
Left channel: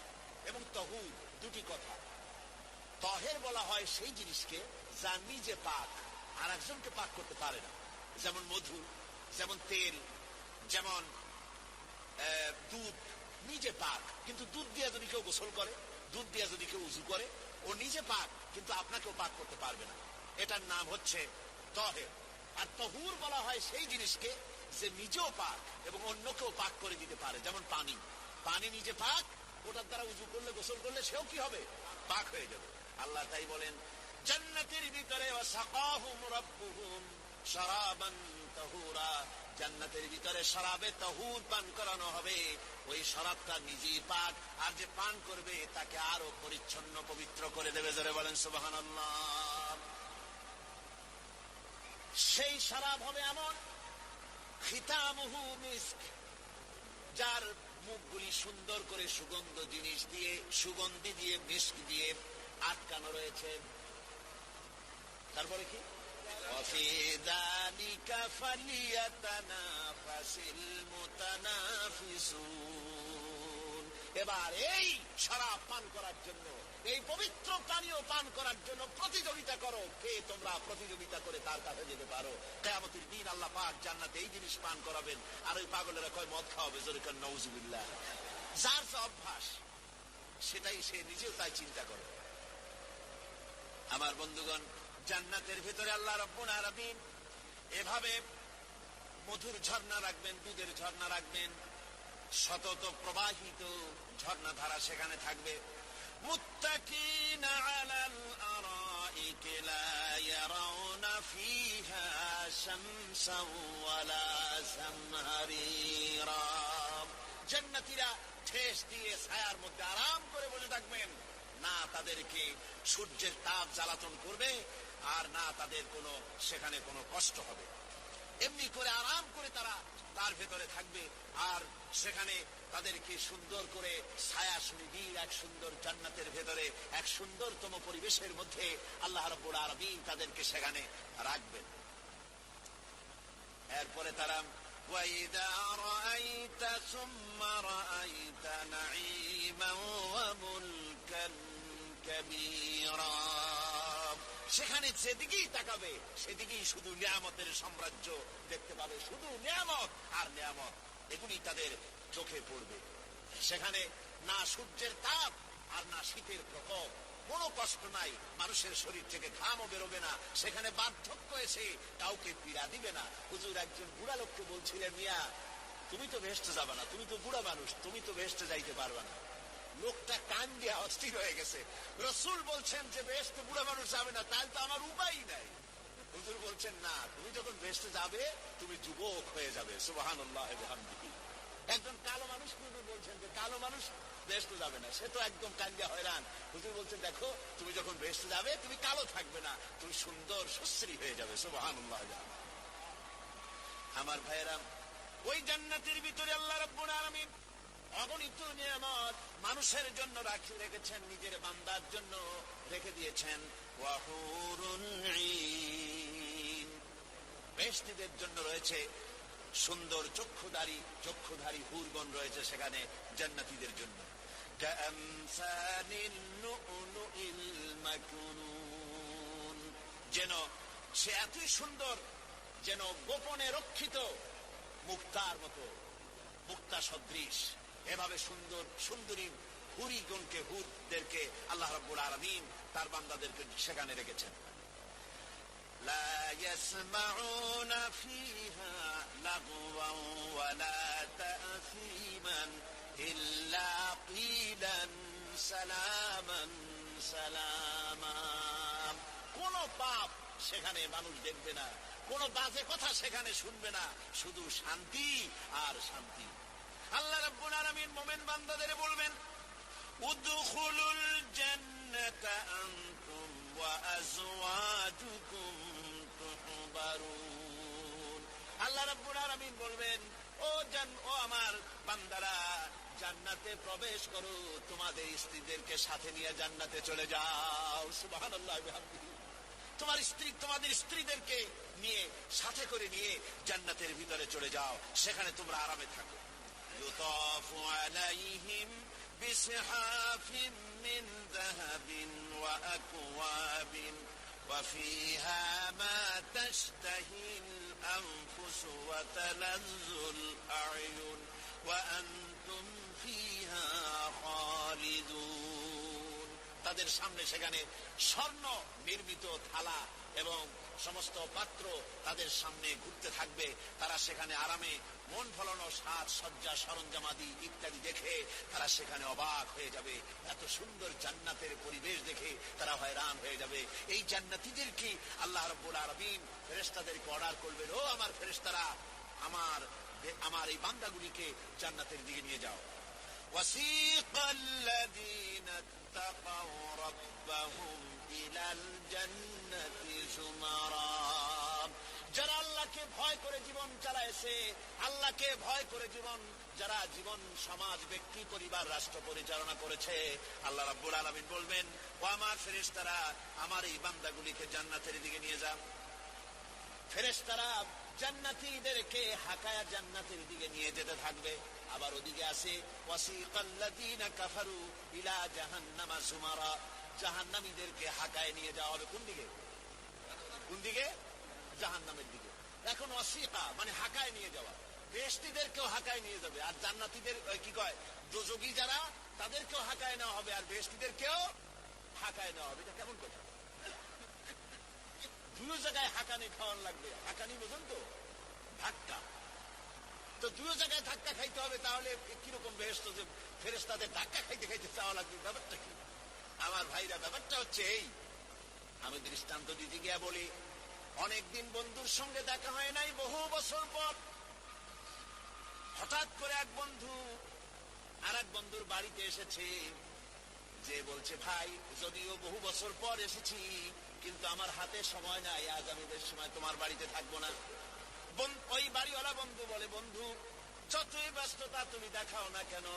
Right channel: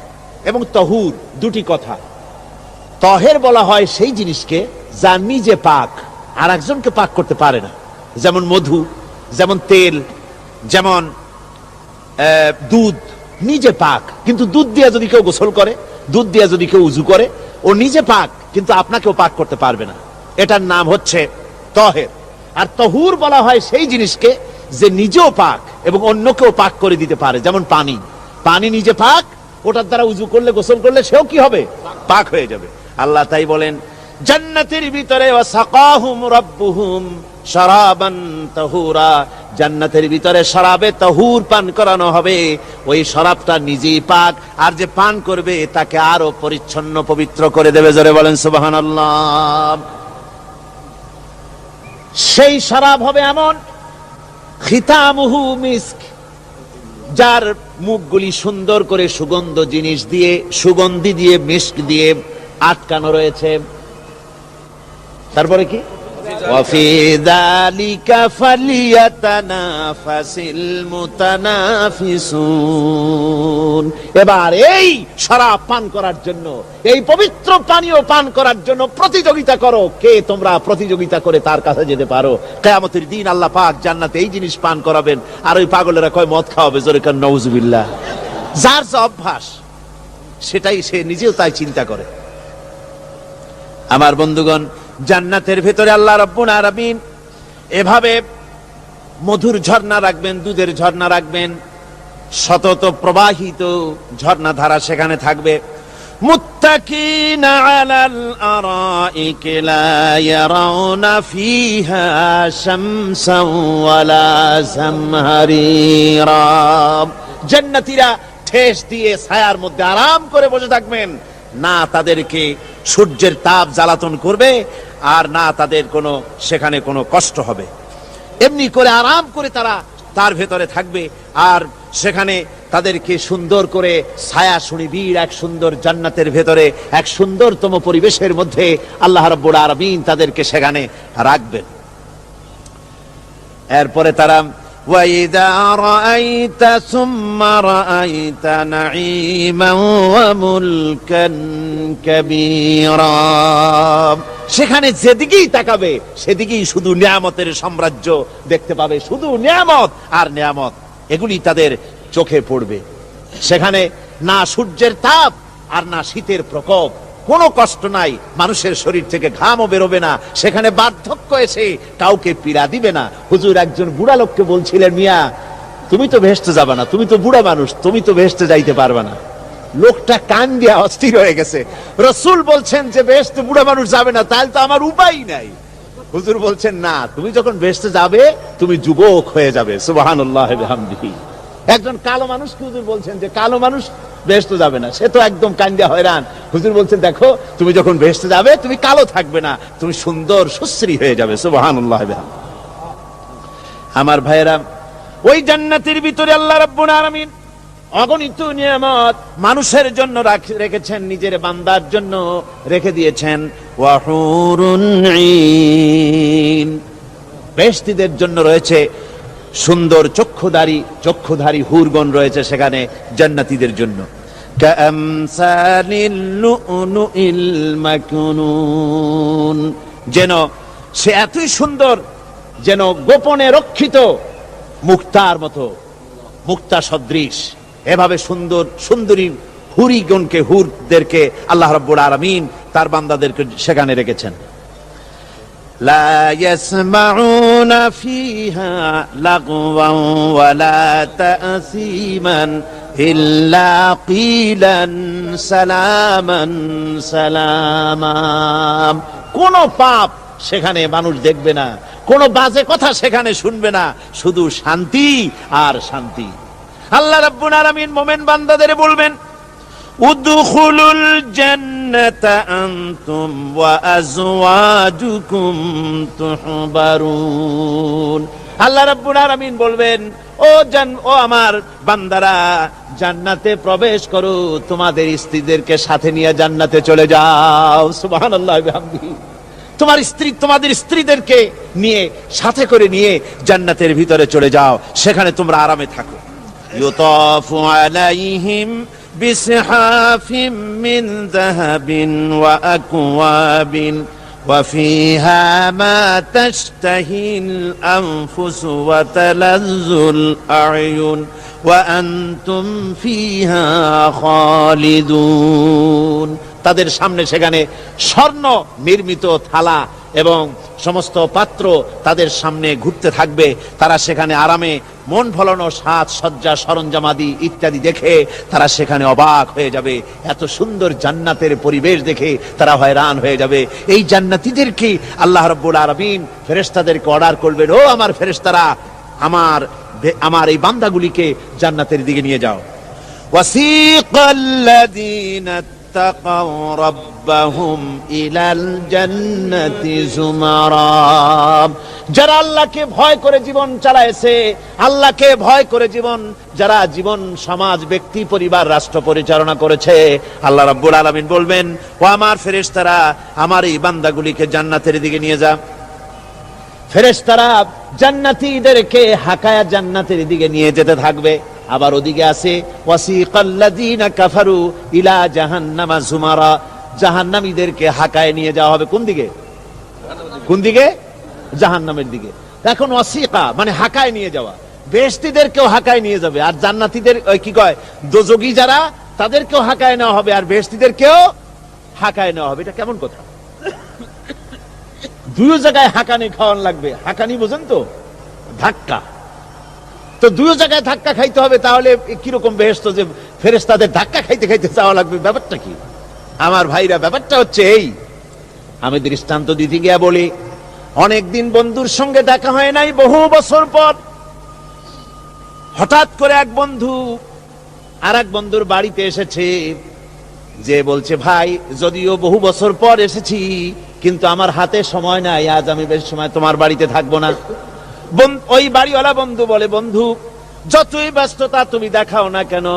এবং তহুর দুটি কথা। তহের বলা হয় সেই জিনিসকে যা নিজে পাক, আর একজনকে পাক করতে পারে না। যেমন মধু, যেমন তেল, যেমন দুধ নিজে পাক, কিন্তু দুধ দিয়ে যদি কেউ গোসল করে, দুধ দিয়ে যদি কেউ উজু করে, ও নিজে পাক, কিন্তু আপনাকেও পাক করতে পারবে না। এটার নাম হচ্ছে তহের। আর তহুর বলা হয় সেই জিনিসকে যে নিজেও পাক এবং অন্যকেও পাক করে দিতে পারে। যেমন পানি, পানি নিজে পাক, ওটার দ্বারা উজু করলে, গোসল করলে সেও কি হবে? পাক হয়ে যাবে। আল্লাহ তাই বলেন জান্নাতের ভিতরে ওয়াসাকাহুম রাব্বুহুম শারাবান তাহুরা, জান্নাতের ভিতরে শরাবে তাহুর পান করানো হবে। ওই শরাবটা নিজেই পাক, আর যে পান করবে তাকে আরো পরিচ্ছন্ন পবিত্র করে দেবে। জোরে বলেন সুবহানাল্লাহ। সেই শরাব হবে এমন খিতামুহু মিস্ক, যার মুখগুলি সুন্দর করে সুগন্ধ জিনিস দিয়ে, সুগন্ধি দিয়ে, মিস্ক দিয়ে আটকানো রয়েছে। তারপরে কি? ওয়াফি যালিকা ফালিয়াতানাফাসিল মুতানাফিসুন। এবার এই শরাব পান করার জন্য, এই পবিত্র পানীয় পান করার জন্য প্রতিযোগিতা করো। কে তোমরা প্রতিযোগিতা করে তার কাছে যেতে পারো? কিয়ামতের দিন আল্লাহ পাক জান্নাতে এই জিনিস পান করাবেন, আর ওই পাগলেরা কয় মদ খাওয়াবে। জোরে কান নাউজুবিল্লাহ। যার যে অভ্যাস সেটাই সে নিজেও তাই চিন্তা করে। আমার বন্ধুগণ, জান্নাতের ভেতরে আল্লাহ রাব্বুল আলামিন এভাবে মধুর ঝর্ণা রাখবেন, দুধের ঝর্ণা রাখবেন, সতত প্রবাহিত ঝর্ণাধারা সেখানে থাকবে। মুত্তাকিনা আলাল আরাইকি লা ইয়ারাউনা ফিহা শামসান ওয়ালা জামহারিরা। জান্নাতীরা ঠেস দিয়ে ছায়ার মধ্যে আরাম করে বসে থাকবেন। না তাদেরকে সূর্যের তাপ জ্বালাতন করবে, আর না তাদের কোনো সেখানে কোনো কষ্ট হবে। এমনি করে আরাম করে তারা তার ভেতরে থাকবে। আর সেখানে তাদেরকে সুন্দর করে ছায়া সুনিবিড় এক সুন্দর জান্নাতের ভেতরে এক সুন্দরতম পরিবেশের মধ্যে আল্লাহ রাব্বুল আলামিন তাদেরকে সেখানে রাখবেন। এরপরে তারা وَإِذَا رَأَيْتَ ثُمَّ رَأَيْتَ نَعِيمًا وَمُلْكًا كَبِيرًا। সেখানে যেদিকেই তাকাবে সেদিকেই শুধু নিয়ামতের সাম্রাজ্য দেখতে পাবে, শুধু নিয়ামত আর নিয়ামত, এগুলি তাদের চোখে পড়বে। সেখানে না সূর্যের তাপ আর না শীতের প্রকোপ, কোনো কষ্ট নাই, মানুষের শরীর থেকে ঘামও বেরোবে না। সেখানে বার্ধক্য এসে কাউকে পীড়া দিবে না। হুজুর একজন বুড়া লোককে বলছিলেন, মিয়া তুমি তো ভেস্তে যাবে না, তুমি তো বুড়া মানুষ, তুমি তো ভেস্তে যাইতে পারবে না। লোকটা কান দিয়া অস্থির হয়ে গেছে। রাসূল বলছেন যে ভেস্তে বুড়া মানুষ যাবে না, তাহলে তো আমার উপায় নাই। হুজুর বলছেন না, তুমি যখন ভেস্তে যাবে তুমি যুবক হয়ে যাবে। সুবহানাল্লাহ বিহামদিহি। একজন কালো মানুষকে হুজুর বলছেন যে কালো মানুষ বেহেশতে যাবে না, সে তো একদম কান্দিয়া হয়রান। হুজুর বলছেন দেখো তুমি যখন বেহেশতে যাবে তুমি কালো থাকবে না, তুমি সুন্দর সুশ্রী হয়ে যাবে। সুবহানাল্লাহ। আমার ভাইয়েরা, ওই জান্নাতের ভিতরে আল্লাহ রাব্বুল আলামিন অগণিত নিয়ামত মানুষের জন্য রেখেছেন, নিজের বান্দার জন্য রেখে দিয়েছেন। ওয়া হুরুন ঈন, বেহেশতীদের জন্য রয়েছে সুন্দর চক্ষুধারী হুরগণ রয়েছে সেখানে জান্নাতীদের জন্য। কামসালিল লুলুইল মাকনুন, যেন সে এতই সুন্দর, যেন গোপনে রক্ষিত মুক্তার মতো, মুক্তা সদৃশ। এভাবে সুন্দর সুন্দরী হুরিগণকে, হুরদেরকে আল্লাহ রাব্বুল আলামিন তার বান্দাদেরকে সেখানে রেখেছেন। লা ইয়াসমাউনা ফিহা লাগওয়ান ওয়ালা তাসীমান ইল্লা কিলান সালামান সালামা। কোন পাপ সেখানে মানুষ দেখবে না, কোন বাজে কথা সেখানে শুনবে না, শুধু শান্তি আর শান্তি। আল্লাহ রাব্বুল আলামিন মুমিন বান্দাদের বলবেন, উদখুলুল জান্নাতা আনতুম ওয়া আজওয়াজুকুম তুহবারুন। আল্লাহ রাব্বুল আলামিন বলবেন, ও আমার বান্দারা, জান্নাতে প্রবেশ করো, তোমাদের স্ত্রীদেরকে সাথে নিয়ে জান্নাতে চলে যাও। সুবহানাল্লাহ ওয়া বিহামদিহি। তোমার স্ত্রী, তোমাদের স্ত্রীদেরকে নিয়ে, সাথে করে নিয়ে জান্নাতের ভিতরে চলে যাও, সেখানে তোমরা আরামে থাকো। ইউতাফু আলাইহিম বিসহাফিম মিন যাহাবিন ওয়া আকওয়াবিন ওয়া ফিহা মা তাশতাহিল আনফুসু ওয়া তালাজ্জুল আ'য়ুন ওয়া আনতুম ফিহা খালিদুন। তাদের সামনে সেখানে স্বর্ণ নির্মিত থালা এবং সমস্ত পাত্র তাদের সামনে ঘুরতে থাকবে। তারা সেখানে আরামে মন ভোলানো সাজ সজ্জা সরঞ্জামাদি ইত্যাদি দেখে তারা সেখানে অবাক হয়ে যাবে। এত সুন্দর জান্নাতের পরিবেশ দেখে তারা হয়রান হয়ে যাবে। এই জান্নাতীদেরকে আল্লাহ রাব্বুল আলামিন ফেরেশতাদেরকে অর্ডার করবেন, ও আমার ফেরেশতারা, আমার এই বান্দাগুলিকে জান্নাতের দিকে নিয়ে যাও। ওয়াসিকাল্লাযীনা اتقوا ربهم إلى الجنة زمرا। যারা আল্লাহকে ভয় করে জীবন চালায়েছে, আল্লাহকে ভয় করে যারা জীবন সমাজ ব্যক্তি পরিবার রাষ্ট্র পরিচালনা করেছে, আল্লাহ রাব্বুল আলামিন বলবেন, ও আমার ফেরেশতারা, আমার এই বান্দাগুলিকে জান্নাতের দিকে নিয়ে যা। ফেরেশতারা জান্নাতীদেরকে হাকায়া জান্নাতের দিকে নিয়ে যেতে থাকবে। আবার ওদিকে আছে ওয়াসিকাল্লাযীনা কাফারু ইলা জাহান্নামা যুমারা, জাহান্নামীদেরকে হাকায় নিয়ে যাওয়া হবে কোন দিকে? কোন দিকে? জাহান্নামের দিকে। এখন ওয়াসিকা মানে হাকায় নিয়ে যাওয়া, বেহেশতীদেরকেও হাকায় নিয়ে যাবে, আর জান্নাতীদের কি কয় দোজখী যারা, তাদেরকেও হাকায় নেওয়া হবে, আর বেহেশতীদেরকেও হাকায় নেওয়া হবে। এটা কেমন কথা? দুই জায়গায় হাকানি খাওয়ান লাগবে। হাকানি বোঝেন তো? ধাক্কা। তো দুই জায়গায় ধাক্কা খাইতে হবে, তাহলে কিরকম বেহেশত যে ফেরেশতাদের ধাক্কা খাইতে খাইতে যাওয়া লাগবে, ব্যাপারটা কি? আমার ভাইরা, ব্যাপারটা হচ্ছে এই, আমি দৃষ্টান্ত দিতে গিয়া বলি, অনেকদিন বন্ধুর সঙ্গে দেখা হয় নাই, বহু বছর পর হঠাৎ করে এক বন্ধু আর এক বন্ধুর বাড়িতে এসেছে, যে বলছে, ভাই যদিও বহু বছর পর এসেছি, কিন্তু আমার হাতে সময় নাই, আজ আমি বেশি সময় তোমার বাড়িতে থাকবো না। ওই বাড়িওয়ালা বন্ধু বলে, বন্ধু যতই ব্যস্ততা তুমি দেখাও না কেন,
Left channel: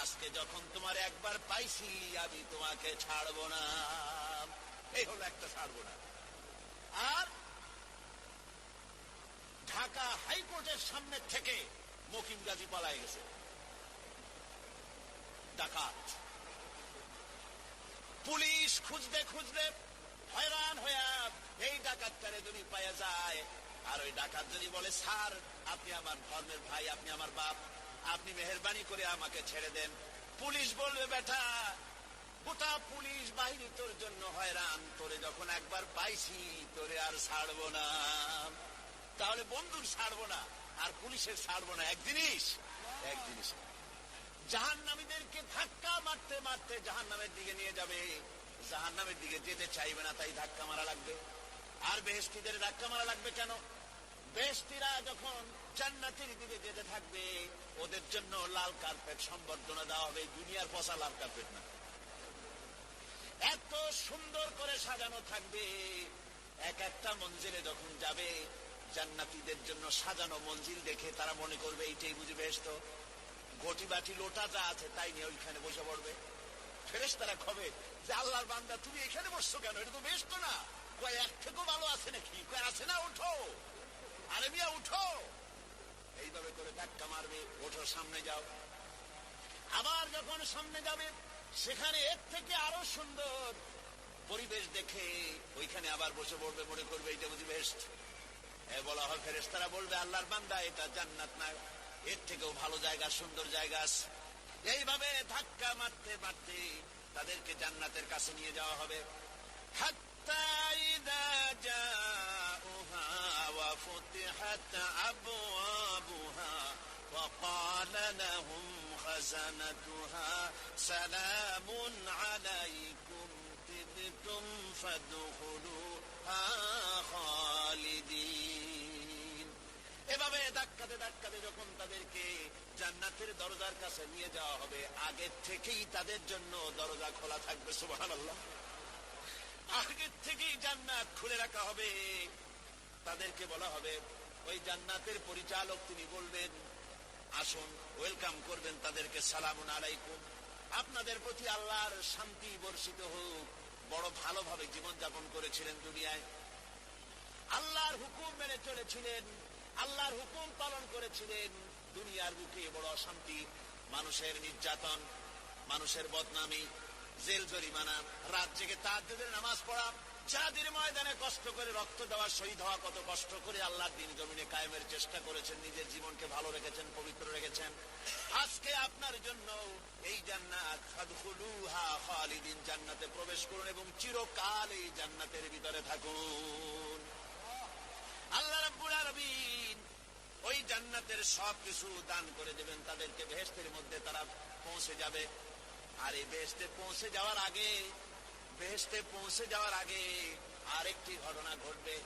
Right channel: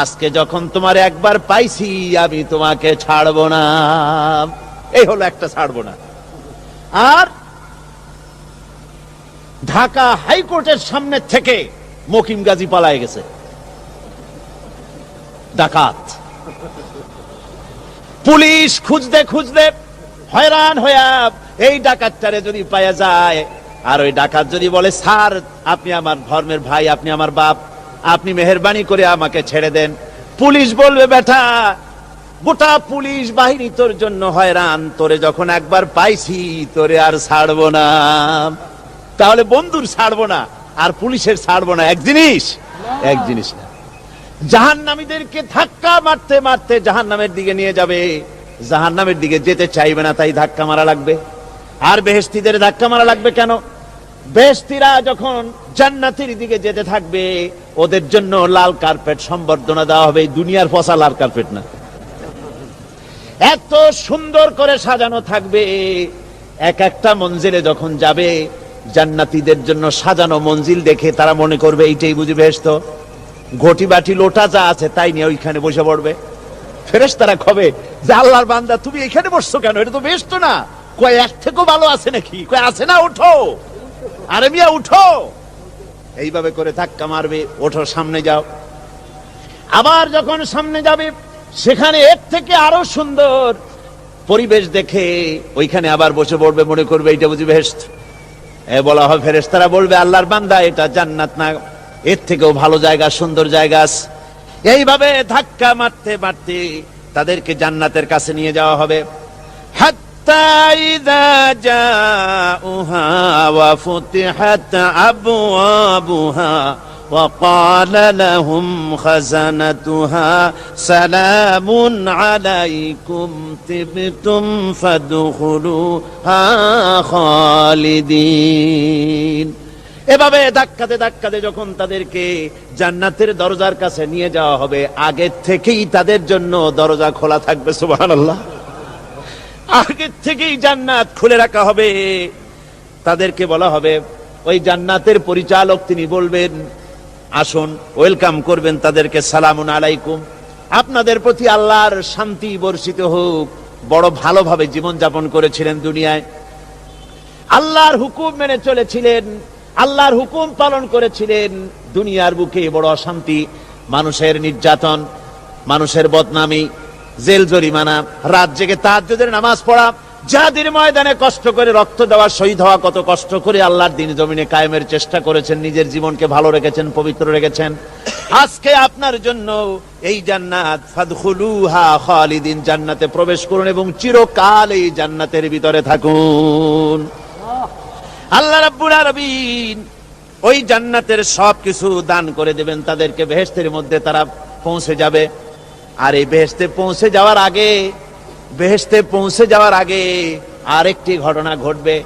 আজকে যখন তোমার একবার পাইছি, আমি তোমাকে ছাড়বো না। এই হলো একটা ছাড়বো না। আর ঢাকা হাইকোর্টের সামনে থেকে মকিম গাজী পালায় গেছে, ডাকাত। পুলিশ খুঁজতে খুঁজতে হয়রান হইয়া এই ডাকাতটারে যদি পাওয়া যায়, আর ওই ডাকাত যদি বলে, স্যার আপনি আমার ধর্মের ভাই, আপনি আমার বাপ, আপনি মেহেরবানি করে আমাকে ছেড়ে দেন, পুলিশ বলবে, বেটা গোটা পুলিশ বাহিনী তোর জন্য হয়রান, তোরে যখন একবার পাইছি তোরে আর ছাড়বো না। তাহলে বন্ধুর ছাড়বো না আর পুলিশের ছাড়বো না এক জিনিস? এক জিনিস না। জাহান্নামীদেরকে ধাক্কা মারতে মারতে জাহান্নামের দিকে নিয়ে যাবে, জাহান্নামের দিকে যেতে চাইবে না, তাই ধাক্কা মারা লাগবে। আর বেহেশতীদের ধাক্কা মারা লাগবে কেন? বেহেশতীরা যখন জান্নাতের দিকে যেতে থাকবে, ওদের জন্য লাল কার্পেট সম্বর্ধনা দেওয়া হবে। দুনিয়ার পচা লাল কার্পেট না, এত সুন্দর করে সাজানো থাকবে। এক একটা মঞ্জিলে যখন যাবে, জান্নাতীদের জন্য সাজানো মঞ্জিল দেখে তারা মনে করবে এইটাই বুঝি বেহেশত। ঘটি বাটি লোটা যা আছে তাই নিয়ে ওইখানে বসে পড়বে। ফেরেশতারা কবে যে, আল্লাহর বান্দা তুমি এখানে বসছো কেন? এটা তো বেহেশত না। কয় এক থেকেও ভালো আছে নাকি? কয় আছে না, উঠো, আরে মিয়া উঠো। এইভাবে করে ধাক্কা মারবে, ওঠো, সামনে যাও। আবার যখন সামনে যাবে সেখানে এর থেকে আরো সুন্দর পরিবেশ দেখে ওইখানে আবার বসে পড়বে, মনে করবে এটা বুঝি বেহেশত। বলা হয় ফেরেশতারা বলবে আল্লাহর বান্দা এটা জান্নাত না, এর থেকেও ভালো জায়গা, সুন্দর জায়গা আছে। এইভাবে ধাক্কা মারতে মারতে তাদেরকে জান্নাতের কাছে নিয়ে যাওয়া হবে। হাত্তা ইযা জাউহা ওয়া ফুতিহাত আবওয়াবুহা ওয়া ক্বালা লাহুম খাযানাতুহা সালামুন আলাইকুম তিবতুম ফাদখুলুহা খালিদিন। এভাবে ধাক্কাতে ধাক্কাতে যখন তাদেরকে জান্নাতের দরজার কাছে নিয়ে যাওয়া হবে, আগে থেকেই তাদের জন্য দরজা খোলা থাকবে। সুবহানাল্লাহ। আগে থেকেই জান্নাত খুলে রাখা হবে। তাদেরকে বলা হবে, ওই জান্নাতের পরিচালক তিনি বলবেন আসুন, ওয়েলকাম করবেন তাদেরকে, সালামুন আলাইকুম, আপনাদের প্রতি আল্লাহর শান্তি বর্ষিত হোক। বড় ভালোভাবে জীবন যাপন করেছিলেন দুনিয়ায়, আল্লাহর হুকুম মেনে চলেছিলেন, আল্লাহর হুকুম পালন করেছিলেন। দুনিয়ার বুকে বড় অশান্তি, মানুষের নির্যাতন, মানুষের বদনামি, জেল জরিমানা, রাত জেগে তাহাজ্জুদের নামাজ পড়া, জিহাদের ময়দানে কষ্ট করে রক্ত দেওয়া, শহীদ হওয়া, কত কষ্ট করে আল্লাহর দ্বীন জমিনে কায়েমের চেষ্টা করেছেন, নিজের জীবনকে ভালো রেখেছেন, পবিত্র রেখেছেন। আজকে আপনার জন্য এই জান্নাত, ফাদখুলুহা খালিদিন, জান্নাতে প্রবেশ করুন এবং চিরকাল এই জান্নাতের ভিতরে থাকুন। আল্লাহ রাব্বুল আলামিন ওই জান্নাতের সবকিছু দান করে দেবেন তাদেরকে, বেহেশতের মধ্যে তারা পৌঁছে যাবে। আর এই বেহেশতে পৌঁছে যাওয়ার আগে আরেকটি ঘটনা ঘটবে,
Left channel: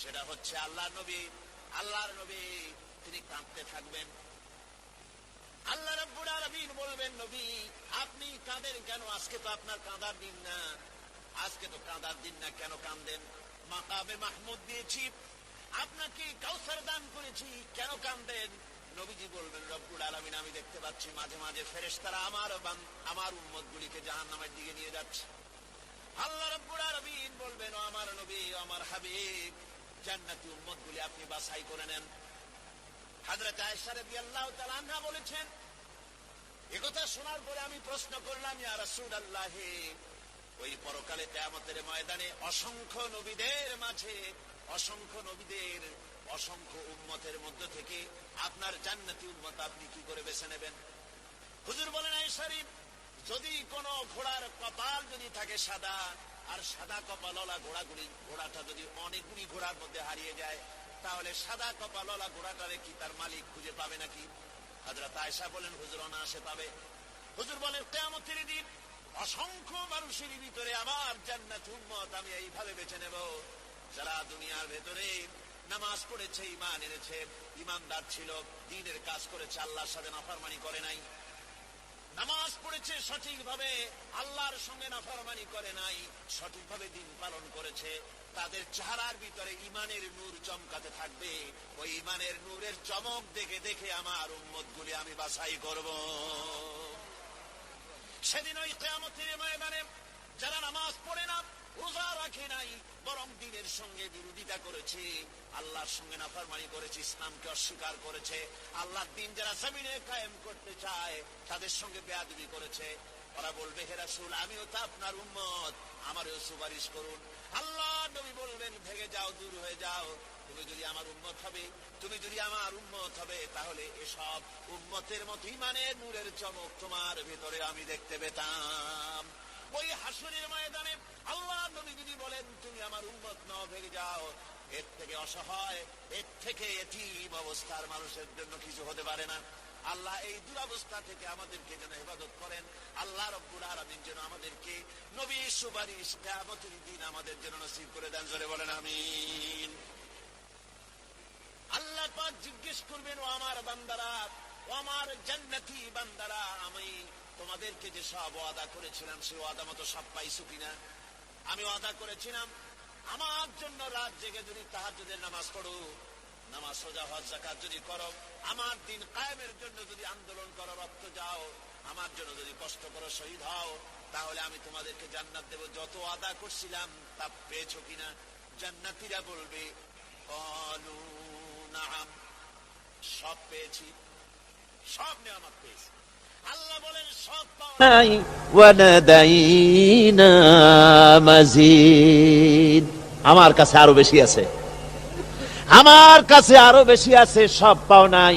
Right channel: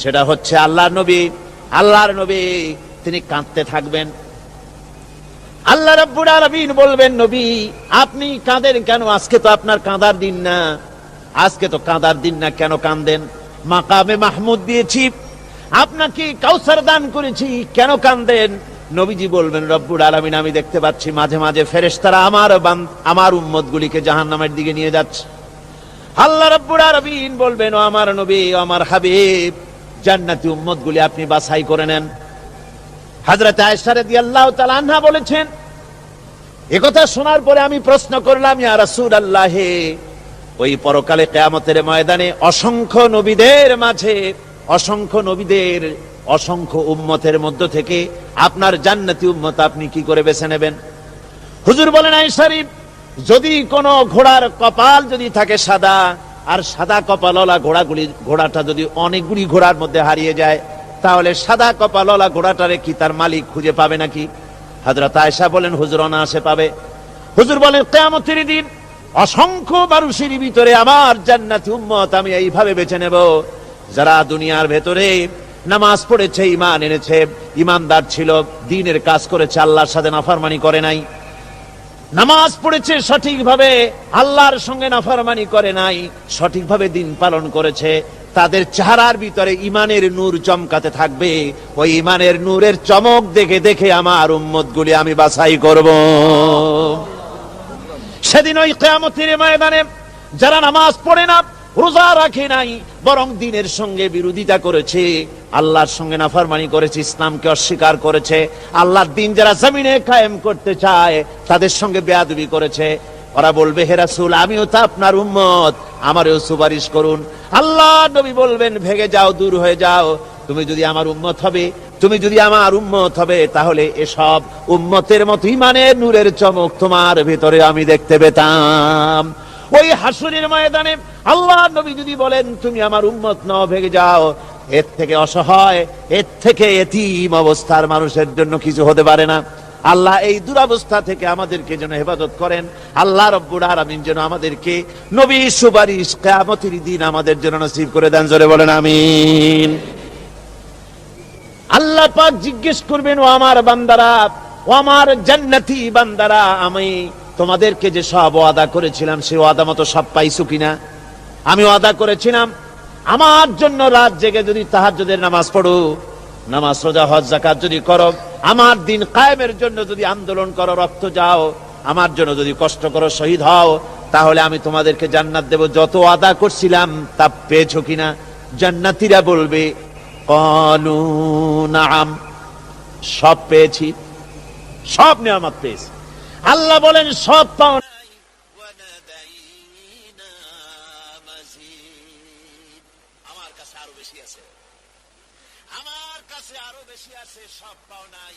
সেটা হচ্ছে আল্লাহর নবী তিনি কাঁদতে থাকবেন। আল্লাহ রাব্বুল আলামিন বলবেন, নবী আপনি কাঁদেন কেন? আজকে তো আপনার কাঁদার দিন না, কেন কাঁদেন? মাকামে মাহমুদ দিয়েছি, আপনাকে কাউসার দান করেছি, কেন কাঁদেন? নবীজি বলবেন, রব্বুল আলামিন আমি দেখতে পাচ্ছি মাঝে মাঝে ফেরেশতারা আমার উম্মতগুলিকে জাহান্নামের দিকে নিয়ে যাচ্ছে। আল্লাহ রাব্বুল আলামিন বলবেন, ও আমার নবী, ও আমার হাবিব, জান্নাতি উম্মতগুলি আপনি বাছাই করে নেন। হযরত আয়েশা রাদিয়াল্লাহু তাআলা আনহা বলেছেন, একথা শোনার পরে আমি প্রশ্ন করলাম, ইয়া রাসূলুল্লাহ, ওই পরকালে কিয়ামতের ময়দানে অসংখ্য নবীদের অসংখ্য উম্মতের মধ্য থেকে আপনার জান্নাতি উম্মত আপনি কি করে বেছে নেবেন? হুজুর বলেন, আয়েশা, যদি কোন ঘোড়ার কপাল যদি থাকে সাদা, আর সাদা কপালওয়ালা ঘোড়াটা যদি অনেকগুলি ঘোড়ার মধ্যে হারিয়ে যায়, তাহলে সাদা কপালওয়ালা ঘোড়াটারে কি তার মালিক খুঁজে পাবে নাকি? হযরত আয়েশা বলেন, হুজুর অনায়াসে পাবে। হুজুর বলেন, কিয়ামতের দিন অসংখ্য মানুষের ভিতরে আমার জান্নাতি উম্মত আমি এইভাবে বেছে নেব, যারা দুনিয়ার ভেতরে নামাজ পড়েছে, ঈমান এনেছে, ঈমানদার ছিল, দ্বীনের কাজ করেছে, আল্লাহর সাথে নাফরমানি করে নাই, নামাজ পড়েছে সঠিকভাবে, আল্লাহর সঙ্গে নাফরমানি করে নাই, সঠিকভাবে দ্বীন পালন করেছে, তাদের চেহারার ভিতরে ঈমানের নূর চমকাতে থাকবে। ওই ঈমানের নূরের চমক দেখে দেখে আমার উম্মতগুলি আমি বাছাই করব। সেদিন ওই কিয়ামতের ময়দানে যারা নামাজ পড়ে না, রোজা রাখে নাই, বরং দ্বীনের সঙ্গে বিরোধিতা করেছে, আল্লাহর সঙ্গে নাফরমানি করেছে, ইসলামকে অস্বীকার করেছে, আল্লাহর দ্বীন যারা জমিনে কায়েম করতে চায় তাদের সঙ্গে বেয়াদবি করেছে, ওরা বলবে, হে রাসূল, আমিও তো আপনার উম্মত, আমারও সুপারিশ করুন। আল্লাহ নবী বলবেন, ভেগে যাও, দূর হয়ে যাও, তুমি যদি আমার উম্মত হবে তাহলে এসব উম্মতের মতো ঈমানের নূরের চমক তোমার ভিতরে আমি দেখতে পেতাম। ওই হাসরের ময়দানে আল্লাহ নবী যদি বলেন, তুমি আমার উম্মত নও, ভেগে যাও, এর থেকে অসহায়, এর থেকে এতিম অবস্থার মানুষের জন্য কিছু হতে পারে না। আল্লাহ এই দুরবস্থা থেকে আমাদেরকে যেন হেফাজত করেন। আল্লাহ রব্বুল আলামিন যেন আমাদেরকে নবীর সুপারিশ কিয়ামতের দিন আমাদের জন্য নসিব করে দেন। জোরে বলেন আমিন। আল্লাহ পাক জিজ্ঞেস করবেন, ও আমার বান্দারা, ও আমার জান্নাতি বান্দারা, আমি তোমাদেরকে যে সব ওয়াদা করেছিলাম সেই ওয়াদা মতো সব পাইছো কিনা? আমি ওয়াদা করেছিলাম আমার জন্য রাত জেগে যদি তাহাজ্জুদের নামাজ পড়ো, নামাজ, রোজা, হজ, যাকাত যদি করো, আমার দিন কায়েমের জন্য যদি আন্দোলন করো, রক্ত যাও, আমার জন্য যদি কষ্ট করো, শহীদ হও, তাহলে আমি তোমাদেরকে জান্নাত দেব। যত ওয়াদা করছিলাম তা পেয়েছো কিনা? জান্নাতীরা বলবে, ক্বালু নাআম, সব পেয়েছি, সব নিয়ামত পেয়েছি। আল্লাহ বলেন সব পাও নাই, ওয়ানাদাইনা মাজিদ, আমার কাছে আরো বেশি আছে, আমার কাছে আরো বেশি আছে, সব পাও নাই।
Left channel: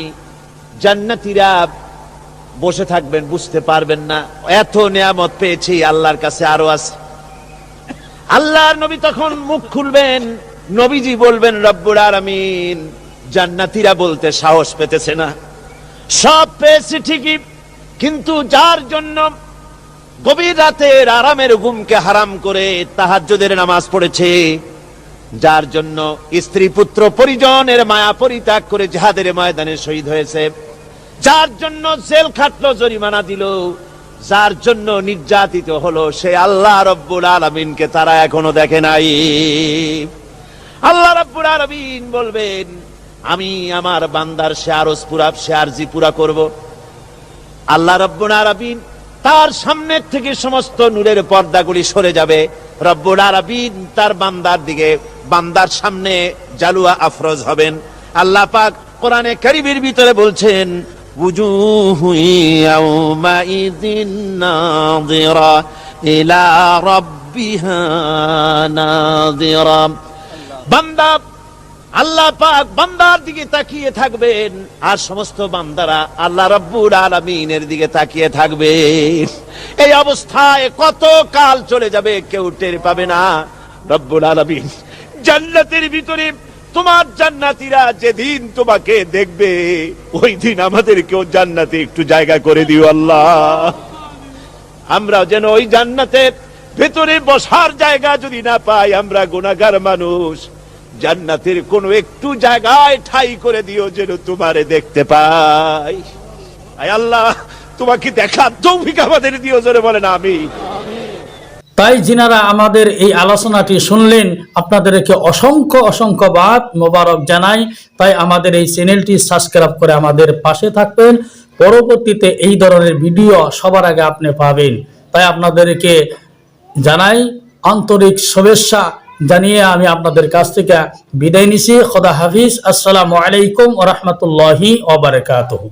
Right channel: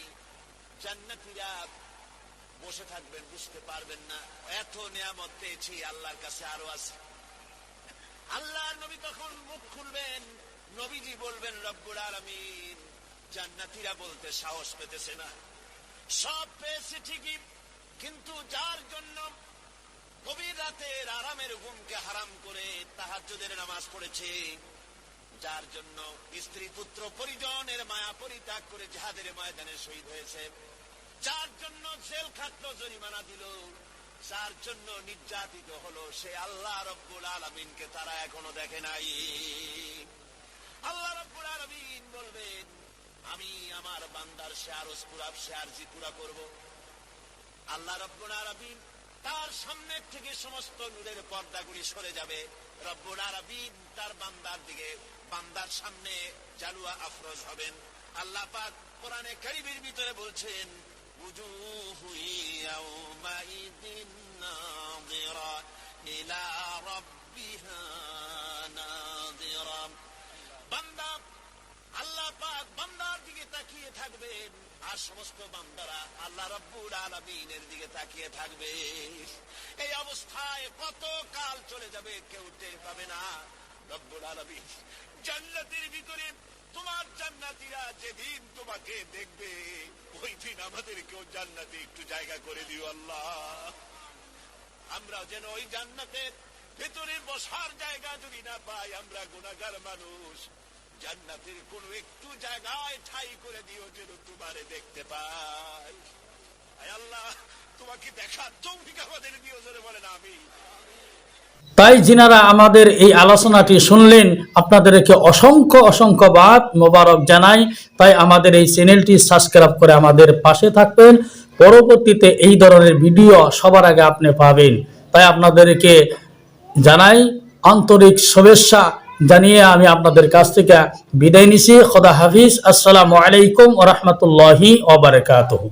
জান্নাতীরা বসে থাকবেন, বুঝতে পারবেন না এত নিয়ামত পেয়েছি, আল্লাহর কাছে আরো আছে। আল্লাহর নবী তখন মুখ খুলবেন, নবীজি বলবেন রব্বুল আলামিন, জান্নাতীরা বলতে সাহস পেতেছে না, সব পেয়েছি ঠিকই, কিন্তু যার জন্য গভীর রাতের আরামের ঘুমকে হারাম করে তাহাজ্জুদের নামাজ পড়েছে, যার জন্য স্ত্রী পুত্র পরিজনের মায়া পরিত্যাগ করে জিহাদের ময়দানে শহীদ হয়েছে, যার জন্য জেল খাটলো, জরিমানা দিল, যার জন্য নির্যাতিত হলো, সে আল্লাহ রব্বুল আলামিনকে তারা এখনো দেখে নাই। আল্লাহ রব্বুল আলামিন বলবেন, আমি আমার বান্দার সে আরজ পুরা, সে আরজি পুরা করব। আল্লাহ রব্বুল আলামিন তার সামনে থেকে সমস্ত নূরের পর্দাগুলি সরে যাবে, রব্বুল আলামিন তার বান্দার দিকে, বান্দার সামনে জালুয়া আফরোজ হবেন। আল্লাহ পাক কোরআনে কারীমের ভিতরে বলছেন, উজুহু ইয়াউমাইযিন নাযিরা ইলা রাব্বিহা নাযিরা। বান্দা, আল্লাহ পাক বান্দার দিকে তাকিয়ে থাকবেন, আর সমস্ত বান্দারা আল্লাহ রাব্বুল আলামিনের দিকে তাকিয়ে থাকবে। এই অবস্থায় কত কাল চলে যাবে কেউ টের পাবে না। রব্বুল আলামিন জান্নাতের ভিতরে, তোমার জান্নাতীরা যেদিন তোমাকে দেখবে, ওই দিন আমাদেরকেও জান্নাতে একটু জায়গা করে দিও আল্লাহ। আমরা যেন ওই জান্নাতের ভেতরে বসার জায়গা যদি না পাই, আমরা গুনাহগার মানুষ, জান্নাতের কোন একটু জায়গায় ঠাই করে দিও যেন তোমারে দেখতে পাই। আয় আল্লাহ, তোমাকে দেখার তৌফিক আমাদের দিও, জোরে বলেন আমিন। তাই যিনারা আমাদের এই আলোচনাটি শুনলেন, আপনাদেরকে অসংখ্য অসংখ্যবাদ মোবারক জানাই। তাই আমাদের এই চ্যানেলটি সাবস্ক্রাইব করে আমাদের পাশে থাকবেন, পরবর্তীতে এই ধরনের ভিডিও সবার আগে আপনি পাবেন। তাই আপনাদেরকে জানাই আন্তরিক শুভেচ্ছা জানিয়ে আমি আপনাদের কাছ থেকে বিদায় নিছি। খোদা হাফিজ। আসসালামু আলাইকুম ওয়া রাহমাতুল্লাহি ওয়া বারাকাতুহু।